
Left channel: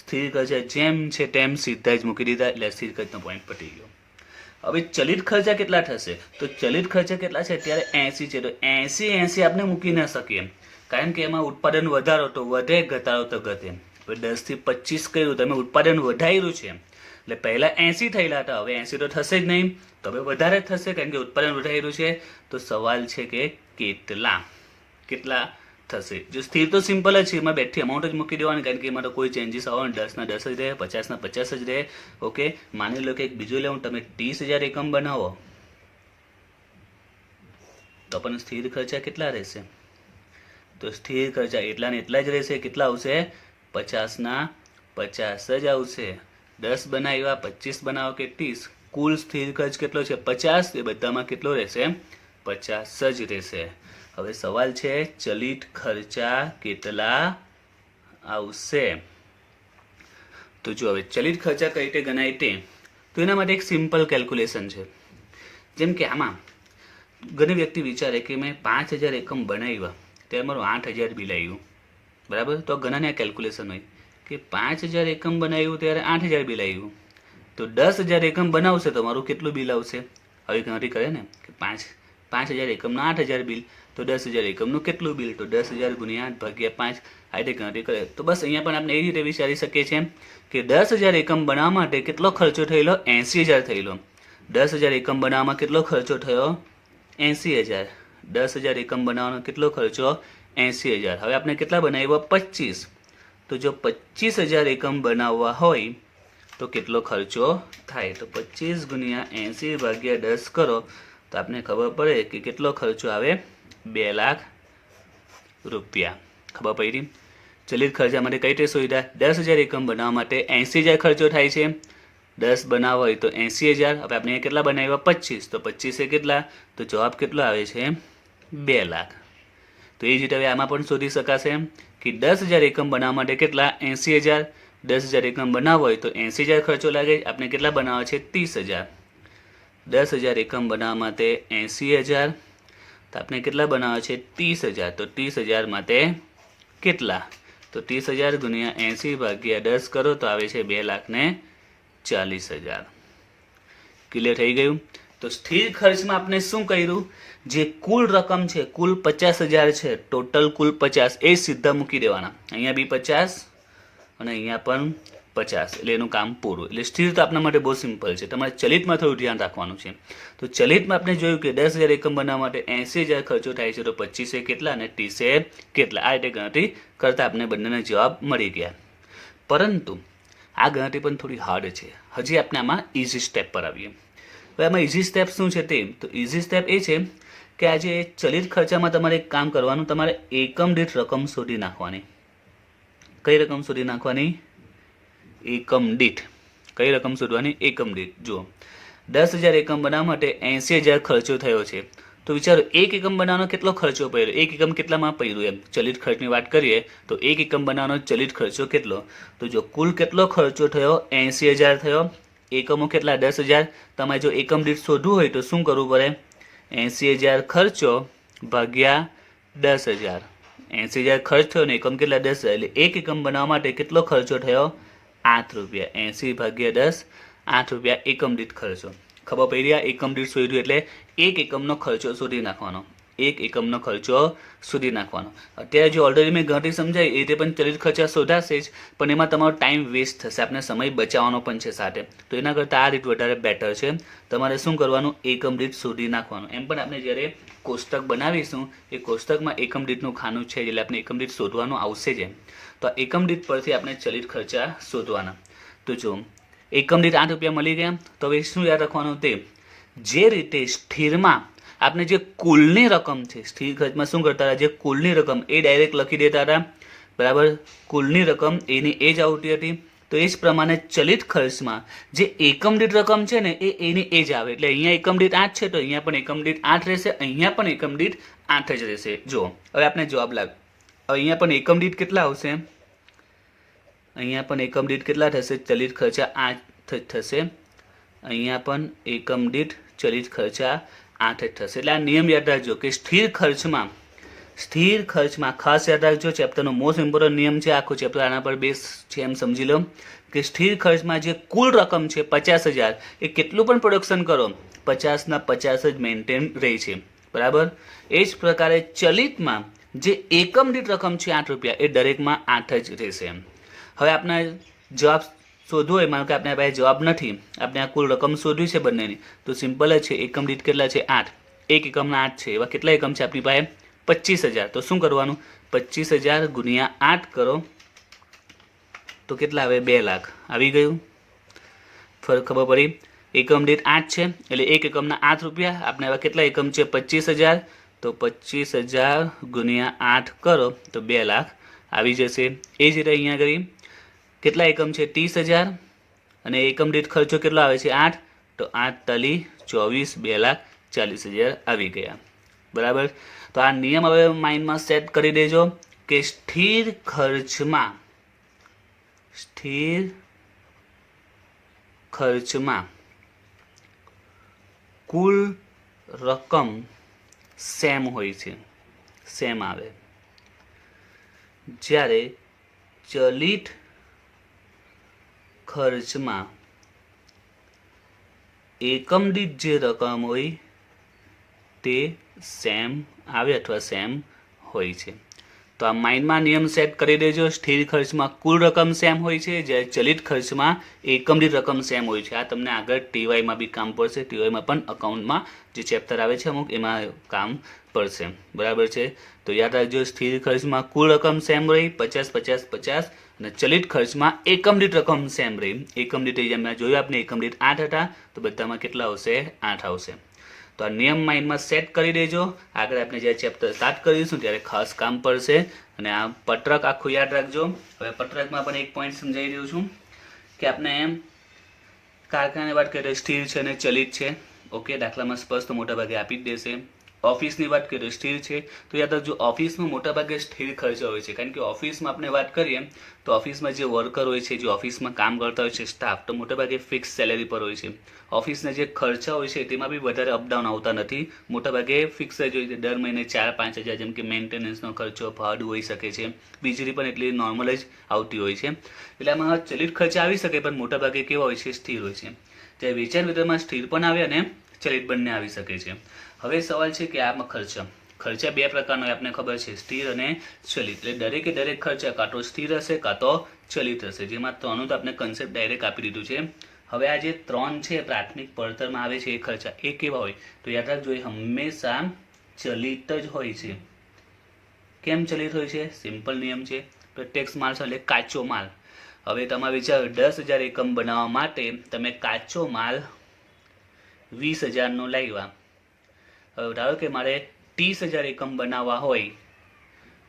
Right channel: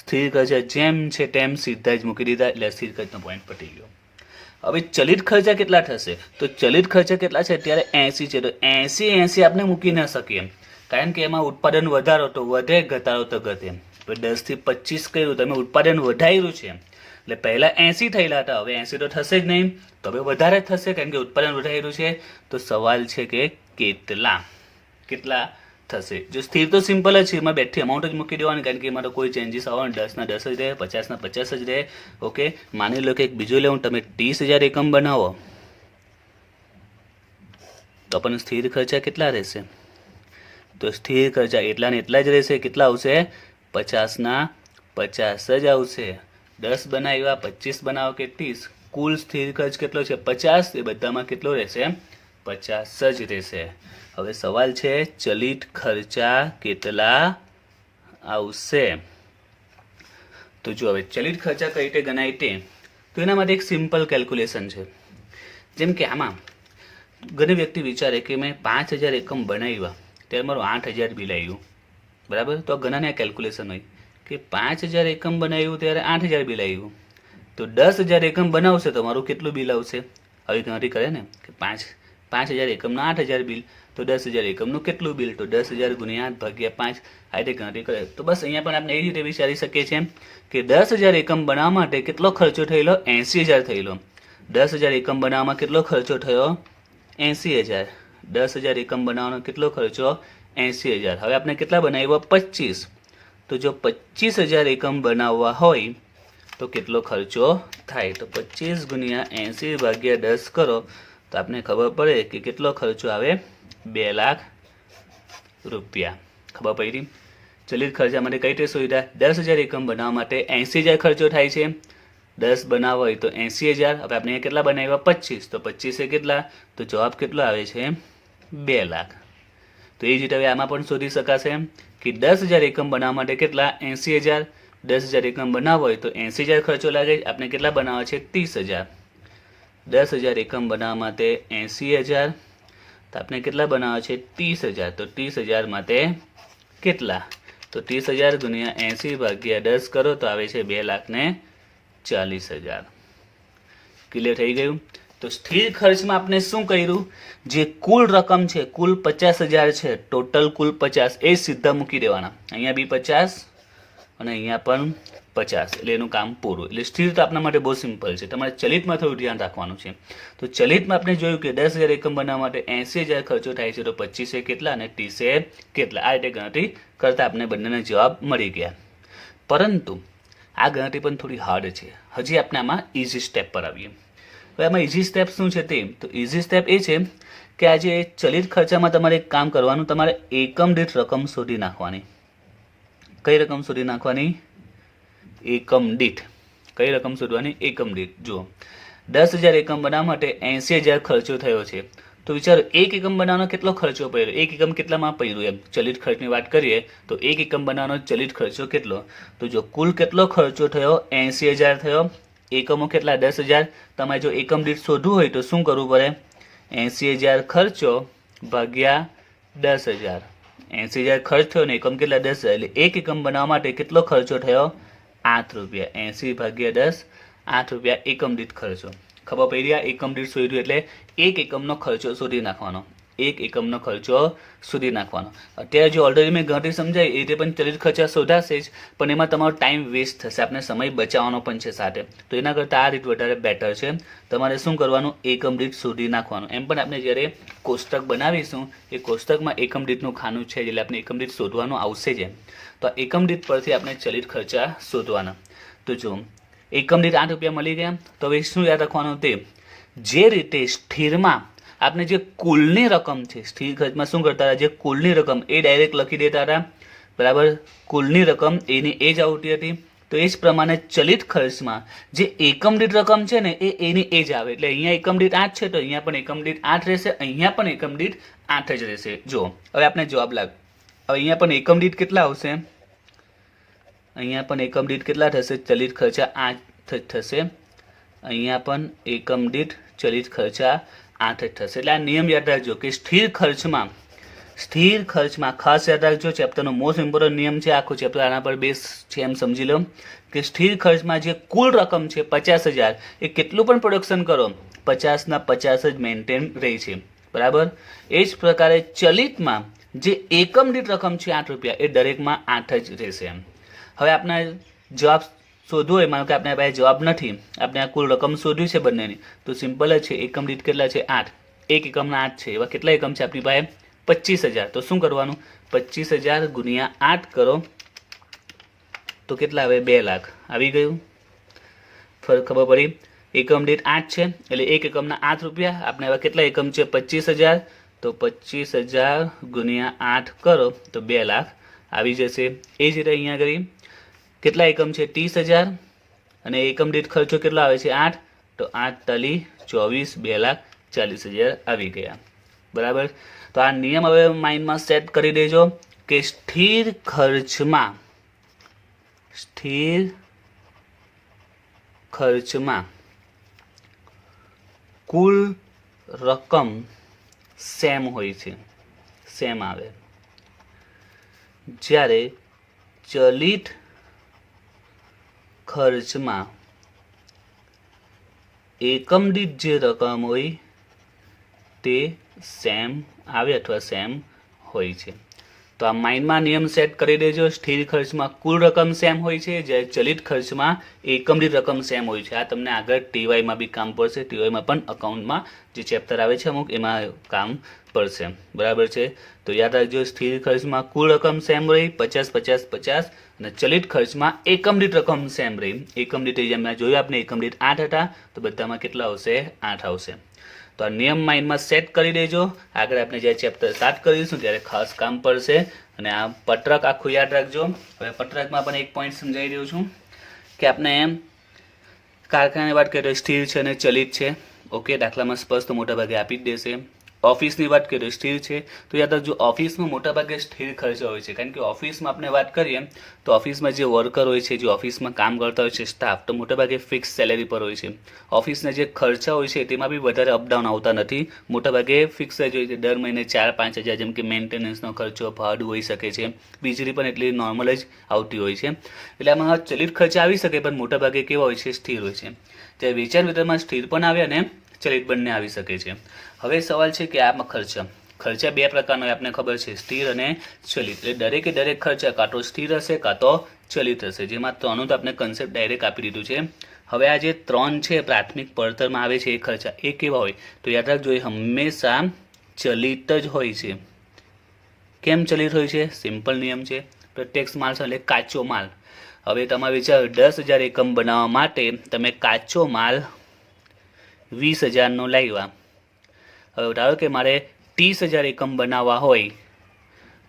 સ્થિર ખર્ચા જેમ છે તેમ સીધા જ મૂકી દીધા, એટલે સ્થિર ખર્ચનો પોઈન્ટ પતી ગયો. હવે ચલિત ખર્ચા કેટલા થશે? તો ચલિત ખર્ચા કેટલા છે? અત્યારે 80 છે, તો 80 આપણે મૂકી ન શકીએ, કારણ કે એમાં ઉત્પાદન વધારો તો વધે, ઘટાડો તો ઘટે. 10થી 25 કર્યું, તમે ઉત્પાદન વધાર્યું છે, એટલે પહેલા 80 થયેલા હતા, હવે 80 તો થશે જ નહીં, તો હવે વધારે થશે, કારણ કે ઉત્પાદન વધાર્યું છે. તો સવાલ છે કે કેટલા થશે? જો સ્થિર તો સિમ્પલ જ છે, એમાં બેઠી અમાઉન્ટ જ મૂકી દેવાની, કારણ કે એમાં તો કોઈ ચેન્જીસ આવવાનો, 10ના 10 જ રહે, 50ના 50 જ રહે. ઓકે, માની લો કે એક બીજું લેવું, તમે 30,000 એકમ બનાવો તો પણ સ્થિર ખર્ચા કેટલા રહેશે? તો સ્થિર ખર્ચા એટલા ને એટલા જ રહેશે. કેટલા આવશે? 50ના 50 જ આવશે. 10 બનાવ્યા, 25 બનાવો કે 30, કુલ સ્થિર ખર્ચ કેટલો છે? 50. એ બધામાં કેટલો રહેશે? 50 જ રહેશે. હવે સવાલ છે ચલિત ખર્ચા કેટલા આવશે? તો જો હવે ચલિત ખર્ચા કઈ રીતે ગણાય તે, તો એના માટે એક સિમ્પલ કેલ્ક્યુલેશન છે. જેમ કે આમાં ઘણી વ્યક્તિ વિચારે કે મેં 5,000 એકમ બનાવ્યા ત્યારે મારું 8,000 બિલ આવ્યું, બરાબર. તો ઘણાને કેલ્ક્યુલેશન હોય કે 5,000 એકમ બનાવ્યું ત્યારે 8,000 બિલ આવ્યું, તો 10,000 એકમ બનાવશે તો મારું કેટલું બિલ આવશે? હવે ગણતરી કરે ને કે 5,000 એકમનું 8,000 બિલ, તો 10,000 એકમનું કેટલું બિલ? તો 10,000 ગુણ્યા 8 ભાગ્યા 5 આ રીતે ગણતરી કરે. તો બસ અહીંયા પણ આપણે એવી રીતે વિચારી શકીએ છીએ કે 10,000 એકમ બનાવવા માટે કેટલો ખર્ચો થયેલો? 80,000 થયેલો. 10,000 એકમ બનાવવામાં કેટલો ખર્ચો થયો? 80,000. 10,000 એકમ બનાવવાનો કેટલો ખર્ચો? 80,000. હવે આપણે કેટલા બનાવ્યા? 25. તો જો 25,000 એકમ બનાવવા હોય તો કેટલો ખર્ચો થાય? તો 25 ગુણ્યા 80 ભાગ્યા 10 કરો તો આપણે ખબર પડે કે કેટલો ખર્ચો આવે? 2 લાખ રૂપિયા. ખબર પડી? ચલિત ખર્ચા માટે કઈ રીતે સુવિધા? 10,000 એકમ બનાવવા માટે 80,000 ખર્ચો થાય છે. 10 બનાવવા હોય તો 80,000. હવે આપણે કેટલા બનાવ્યા? 25. તો 25 એ કેટલા? તો જવાબ કેટલો આવે છે? 2 લાખ. તો એ જ રીતે હવે આમાં પણ શોધી શકાશે કે 10,000 એકમ બનાવવા માટે કેટલા? 80,000. 10,000 એકમ બનાવવા હોય તો 80,000 ખર્ચો લાગે. આપણે કેટલા બનાવવા છે? 30,000. 10,000 એકમ બનાવવા માટે 80,000. તો આપણે કેટલા બનાવવા છે? 30,000. તો 30,000 માટે કેટલા? તો 30,000 ગુણ્યા 80 ભાગ્યા 10 કરો તો આવે છે 2,40,000. ક્લિયર થઈ ગયું? તો સ્થિર ખર્ચમાં આપણે શું કર્યું? જે કુલ રકમ છે, કુલ 50,000 છે, ટોટલ કુલ 50 એ સીધા મૂકી દેવાના. અહીંયા બી 50 અને અહીંયા પણ 50, એટલે એનું કામ પૂરું. એટલે સ્થિર તો આપણા માટે બહુ સિમ્પલ છે. તમારે ચલિતમાં થોડું ધ્યાન રાખવાનું છે. તો ચલિતમાં આપણે જોયું કે 10,000 એકમ બનાવવા માટે 80,000 ખર્ચો થાય છે. તો 25 કેટલા અને 30 કેટલા? આ રીતે ગણતરી કરતા આપણે બંનેના જવાબ મળી ગયા. પરંતુ આ ગણતરી પણ થોડી હાર્ડ છે. હજી આપણે આમાં ઇઝી સ્ટેપ પર આવીએ. હવે આમાં ઇઝી સ્ટેપ શું છે તે? તો ઇઝી સ્ટેપ એ છે કે આજે ચલિત ખર્ચામાં તમારે એક કામ કરવાનું, તમારે એકમ દીઠ રકમ શોધી નાખવાની. કઈ રકમ શોધી નાખવાની? એકમ દીઠ. કઈ રકમ શોધવાની? એકમ દીઠ. જુઓ, 10,000 એકમ બનાવવા માટે 80,000 ખર્ચો થયો છે. તો વિચારો એક એકમ બનાવવાનો કેટલો ખર્ચો પડ્યો? એક એકમ કેટલામાં પડ્યું? એમ ચલિત ખર્ચની વાત કરીએ તો એક એકમ બનાવવાનો ચલિત ખર્ચો કેટલો? તો જો કુલ કેટલો ખર્ચો થયો? 80,000 થયો. એકમો કેટલા? 10,000. તમારે જો એકમ દીઠ શોધવું હોય તો શું કરવું પડે? 80,000 ખર્ચો ભાગ્યા 10,000. 80,000 ખર્ચ થયો ને એકમ કેટલા? 10,000. એટલે એક એકમ બનાવવા માટે કેટલો ખર્ચો થયો? 8 રૂપિયા. 80 ભાગ્યા 10, 8 રૂપિયા એકમ દીઠ ખર્ચો. ખબર પડી? આ એકમ દીઠ શોધ્યું એટલે એક એકમનો ખર્ચો શોધી નાખવાનો. એક એકમનો ખર્ચો શોધી નાખવાનો. અત્યારે જો ઓલરેડી મેં ગણતરી સમજાવી એ રીતે પણ ચલિત ખર્ચા શોધાશે જ, પણ એમાં તમારો ટાઈમ વેસ્ટ થશે. આપણે સમય બચાવવાનો પણ છે સાથે. તો એના કરતાં આ રીત વધારે બેટર છે. તમારે શું કરવાનું? એકમ દીઠ શોધી નાખવાનું. એમ પણ આપણે જ્યારે કોષ્ટક બનાવીશું એ કોષ્ટકમાં એકમ દીઠનું ખાનું છે, એટલે આપણે એકમ દીઠ શોધવાનું આવશે જ. તો એકમ દીઠ પરથી આપણે ચલિત ખર્ચા શોધવાના. તો જો એકમ દીઠ 8 રૂપિયા મળી ગયા. તો હવે શું યાદ રાખવાનું? તે જે રીતે સ્થિરમાં આપણે જે કુલની રકમ છે, સ્થિર ખર્ચમાં શું કરતા હતા? જે કુલની રકમ એ ડાયરેક્ટ લખી દેતા હતા. બરાબર? કુલની રકમ એની એ જ આવતી હતી. તો એ જ પ્રમાણે ચલિત ખર્ચમાં જે એકમ દીઠ રકમ છે ને એ એની એ જ આવે. એટલે અહીંયા એકમ દીઠ 8 છે તો અહીંયા પણ એકમ દીઠ 8 રહેશે. અહીંયા પણ એકમ દીઠ 8 જ રહેશે. જો હવે આપણે જવાબ લાગ. હવે અહીંયા પણ એકમ દીઠ કેટલા આવશે? અહીંયા પણ એકમ દીઠ કેટલા થશે? ચલિત ખર્ચા 8 થશે. અહીંયા પણ એકમ દીઠ ચલિત ખર્ચા 8 થશે. એટલે આ નિયમ યાદ રાખજો કે સ્થિર ખર્ચમાં ખાસ યાદ રાખજો. ચેપ્ટરનો મોસ્ટ ઇમ્પોર્ટન્ટ નિયમ છે. આખો ચેપ્ટર આના પર બેઝ છે એમ સમજી લો કે સ્થિર ખર્ચમાં જે કુલ રકમ છે 50,000 એ કેટલું પણ પ્રોડક્શન કરો 50 ના 50 જ મેન્ટેન રહે છે. બરાબર? એ જ પ્રકારે ચલિતમાં જે એકમ દીઠ રકમ છે 8 રૂપિયા એ દરેકમાં 8 જ રહેશે. હવે આપણા જવાબ શોધવો હોય, માનો કે આપણે પાસે જવાબ નથી, આપણે આ કુલ રકમ શોધવી છે બંનેની, તો સિમ્પલ જ છે. એકમ દીઠ કેટલા છે? 8. એક એકમના 8 છે. એવા કેટલા એકમ છે આપણી પાસે? 25,000. તો શું કરવાનું? 25,000 ગુણ્યા 8 કરો તો કેટલા આવે? 2 લાખ. આવી ગયું? ખબર પડી? એકમ દીઠ 8 છે એટલે એક એકમના 8 રૂપિયા. આપણે એવા કેટલા એકમ છે? 25,000. તો 25,000 ગુણ્યા 8 કરો તો 2 લાખ આવી જશે. એ જ રીતે અહીંયા કરી કેટલા એકમ છે? 30,000 અને એકમ દીઠ ખર્ચો કેટલો આવે છે? 8. તો 8 તાલી 24, 2,40,000 આવી ગયા. બરાબર? તો આ નિયમ હવે માઇન્ડમાં સેટ કરી દેજો કે સ્થિર ખર્ચમાં કુલ રકમ સેમ હોય છે, સેમ આવે. જ્યારે ચલિત ખર્ચમાં એકમ દીઠ જે રકમ હોય તે સેમ આવે અથવા સેમ હોય છે. તો આ માઇન્ડમાં નિયમ સેટ કરી દેજો. સ્થિર ખર્ચમાં કુલ રકમ સેમ હોય છે, જ્યારે ચલિત ખર્ચમાં એકમ દીઠ રકમ સેમ હોય છે. આ તમને આગળ ટીવાયમાં બી કામ પડશે. ટીવાયમાં પણ અકાઉન્ટમાં જે ચેપ્ટર આવે છે અમુક એમાં કામ પડશે. બરાબર છે. તો યાદ રાખજો, સ્થિર ખર્ચમાં કુલ રકમ સેમ રહી 50 50 50, અને ચલિત ખર્ચમાં એકમ દીઠ રકમ સેમ રહી. એકમ દીઠ જેમ જોયું આપણે એકમ દીઠ 8 હતા, તો બધામાં કેટલા આવશે? 8 આવશે. તો આ નિયમ માઇન્ડમાં સેટ કરી દેજો. આગળ આપણે જ્યારે ચેપ્ટર સ્ટાર્ટ કરીશું ત્યારે ખાસ કામ પડશે. અને આ પત્રક આખું યાદ રાખજો. હવે પત્રકમાં પણ એક પોઈન્ટ સમજાવી રહ્યો છું કે આપણે એમ કારખાનાની વાત કરીએ સ્થિર છે અને ચલિત છે. ઓકે, દાખલામાં સ્પષ્ટ મોટાભાગે આપી જ દેશે. ઓફિસની વાત કરીએ સ્થિર છે, તો યાદ રાખજો ઓફિસમાં મોટાભાગે સ્થિર ખર્ચો હોય છે. કારણ કે ઓફિસમાં આપણે વાત કરીએ તો ઓફિસમાં જે વર્કર હોય છે, જે ઓફિસમાં કામ કરતા હોય છે સ્ટાફ, તો મોટાભાગે ફિક્સ સેલેરી પર હોય છે. ઓફિસના જે ખર્ચા હોય છે તેમાં બી વધારે અપડાઉન આવતા નથી. મોટાભાગે ફિક્સ જ હોય છે. દર મહિને 4-5 હજાર, જેમ કે મેન્ટેનન્સનો ખર્ચો, ભાડું હોઈ શકે છે, વીજળી પણ એટલી નોર્મલ જ આવતી હોય છે. એટલે આમાં ચલિત ખર્ચ આવી શકે, પણ મોટાભાગે કેવા હોય છે? સ્થિર હોય છે. જ્યારે વેચાણ વિતરણમાં સ્થિર પણ આવે અને ચલિત બંને આવી શકે છે. હવે સવાલ છે કે આમાં ખર્ચા બે પ્રકારનો આપને ખબર છે, સ્થિર અને ચલિત. એટલે દરેકે દરેક ખર્ચા કાં તો સ્થિર હશે કાં તો ચલિત હશે. જેમાં ત્રણનું તો આપણે કન્સેપ્ટ ડાયરેક્ટ આપી દીધું છે. હવે આ જે 3 છે પ્રાથમિક પડતરમાં આવે છે એ ખર્ચા, એ કેવા હોય? તો યાદ રાખજો એ હંમેશા ચલિત જ હોય છે. કેમ ચલિત હોય છે? સિમ્પલ નિયમ છે. પ્રત્યક્ષ માલ એટલે કાચો માલ. હવે તમે વિચારો 10,000 એકમ બનાવવા માટે તમે કાચો માલ 20,000નો લાવ્યા. હવે ધારો કે મારે 30,000 એકમ બનાવવા હોય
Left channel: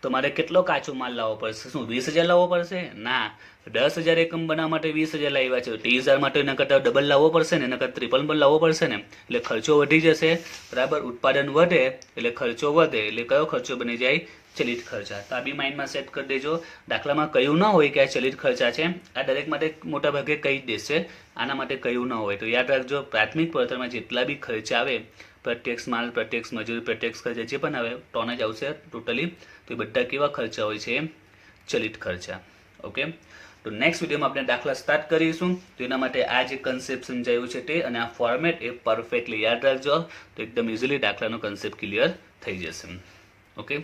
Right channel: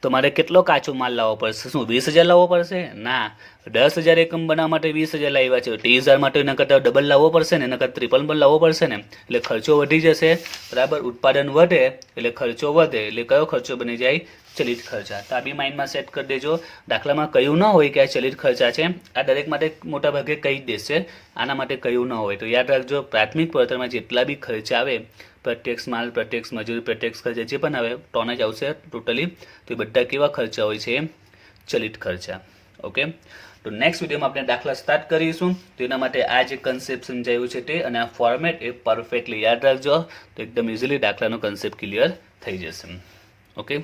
તો મારે કેટલો કાચો માલ લાવવો પડશે? શું 20,000 લાવવો પડશે? ના, 10,000 એકમ બનાવવા માટે 20,000 લાવ્યા છે, 30,000 માટે એના કરતાં ડબલ લાવવો પડશે ને, એના કરતાં ટ્રિપલ પણ લાવવો પડશે ને. એટલે ખર્ચો વધી જશે. બરાબર, ઉત્પાદન વધે એટલે ખર્ચો વધે. એટલે કયો ખર્ચો બની જાય? ચલિત ખર્ચા. તો આ બી માઇન્ડમાં સેટ કરી દેજો. દાખલામાં કયું ન હોય કે આ ચલિત ખર્ચા છે, આ દરેક માટે મોટાભાગે કહી જ દેશે. આના માટે કયું ન હોય તો યાદ રાખજો, પ્રાથમિક પડતરમાં જેટલા બી ખર્ચા આવે, પ્રત્યક્ષ માલ, પ્રત્યક્ષ મજૂરી, પ્રત્યક્ષ ખર્ચા જે પણ આવે ટોન જ આવશે ટોટલી. તો એ બધા કેવા ખર્ચા હોય છે? ચલિત ખર્ચા. ઓકે, તો નેક્સ્ટ વિડીયોમાં આપણે દાખલા સ્ટાર્ટ કરીશું. તો એના માટે આ જે કન્સેપ્ટ સમજાવ્યું છે તે અને આ ફોર્મેટ એ પરફેક્ટલી યાદ રાખજો, તો એકદમ ઇઝીલી દાખલાનો કન્સેપ્ટ ક્લિયર થઈ જશે. ઓકે.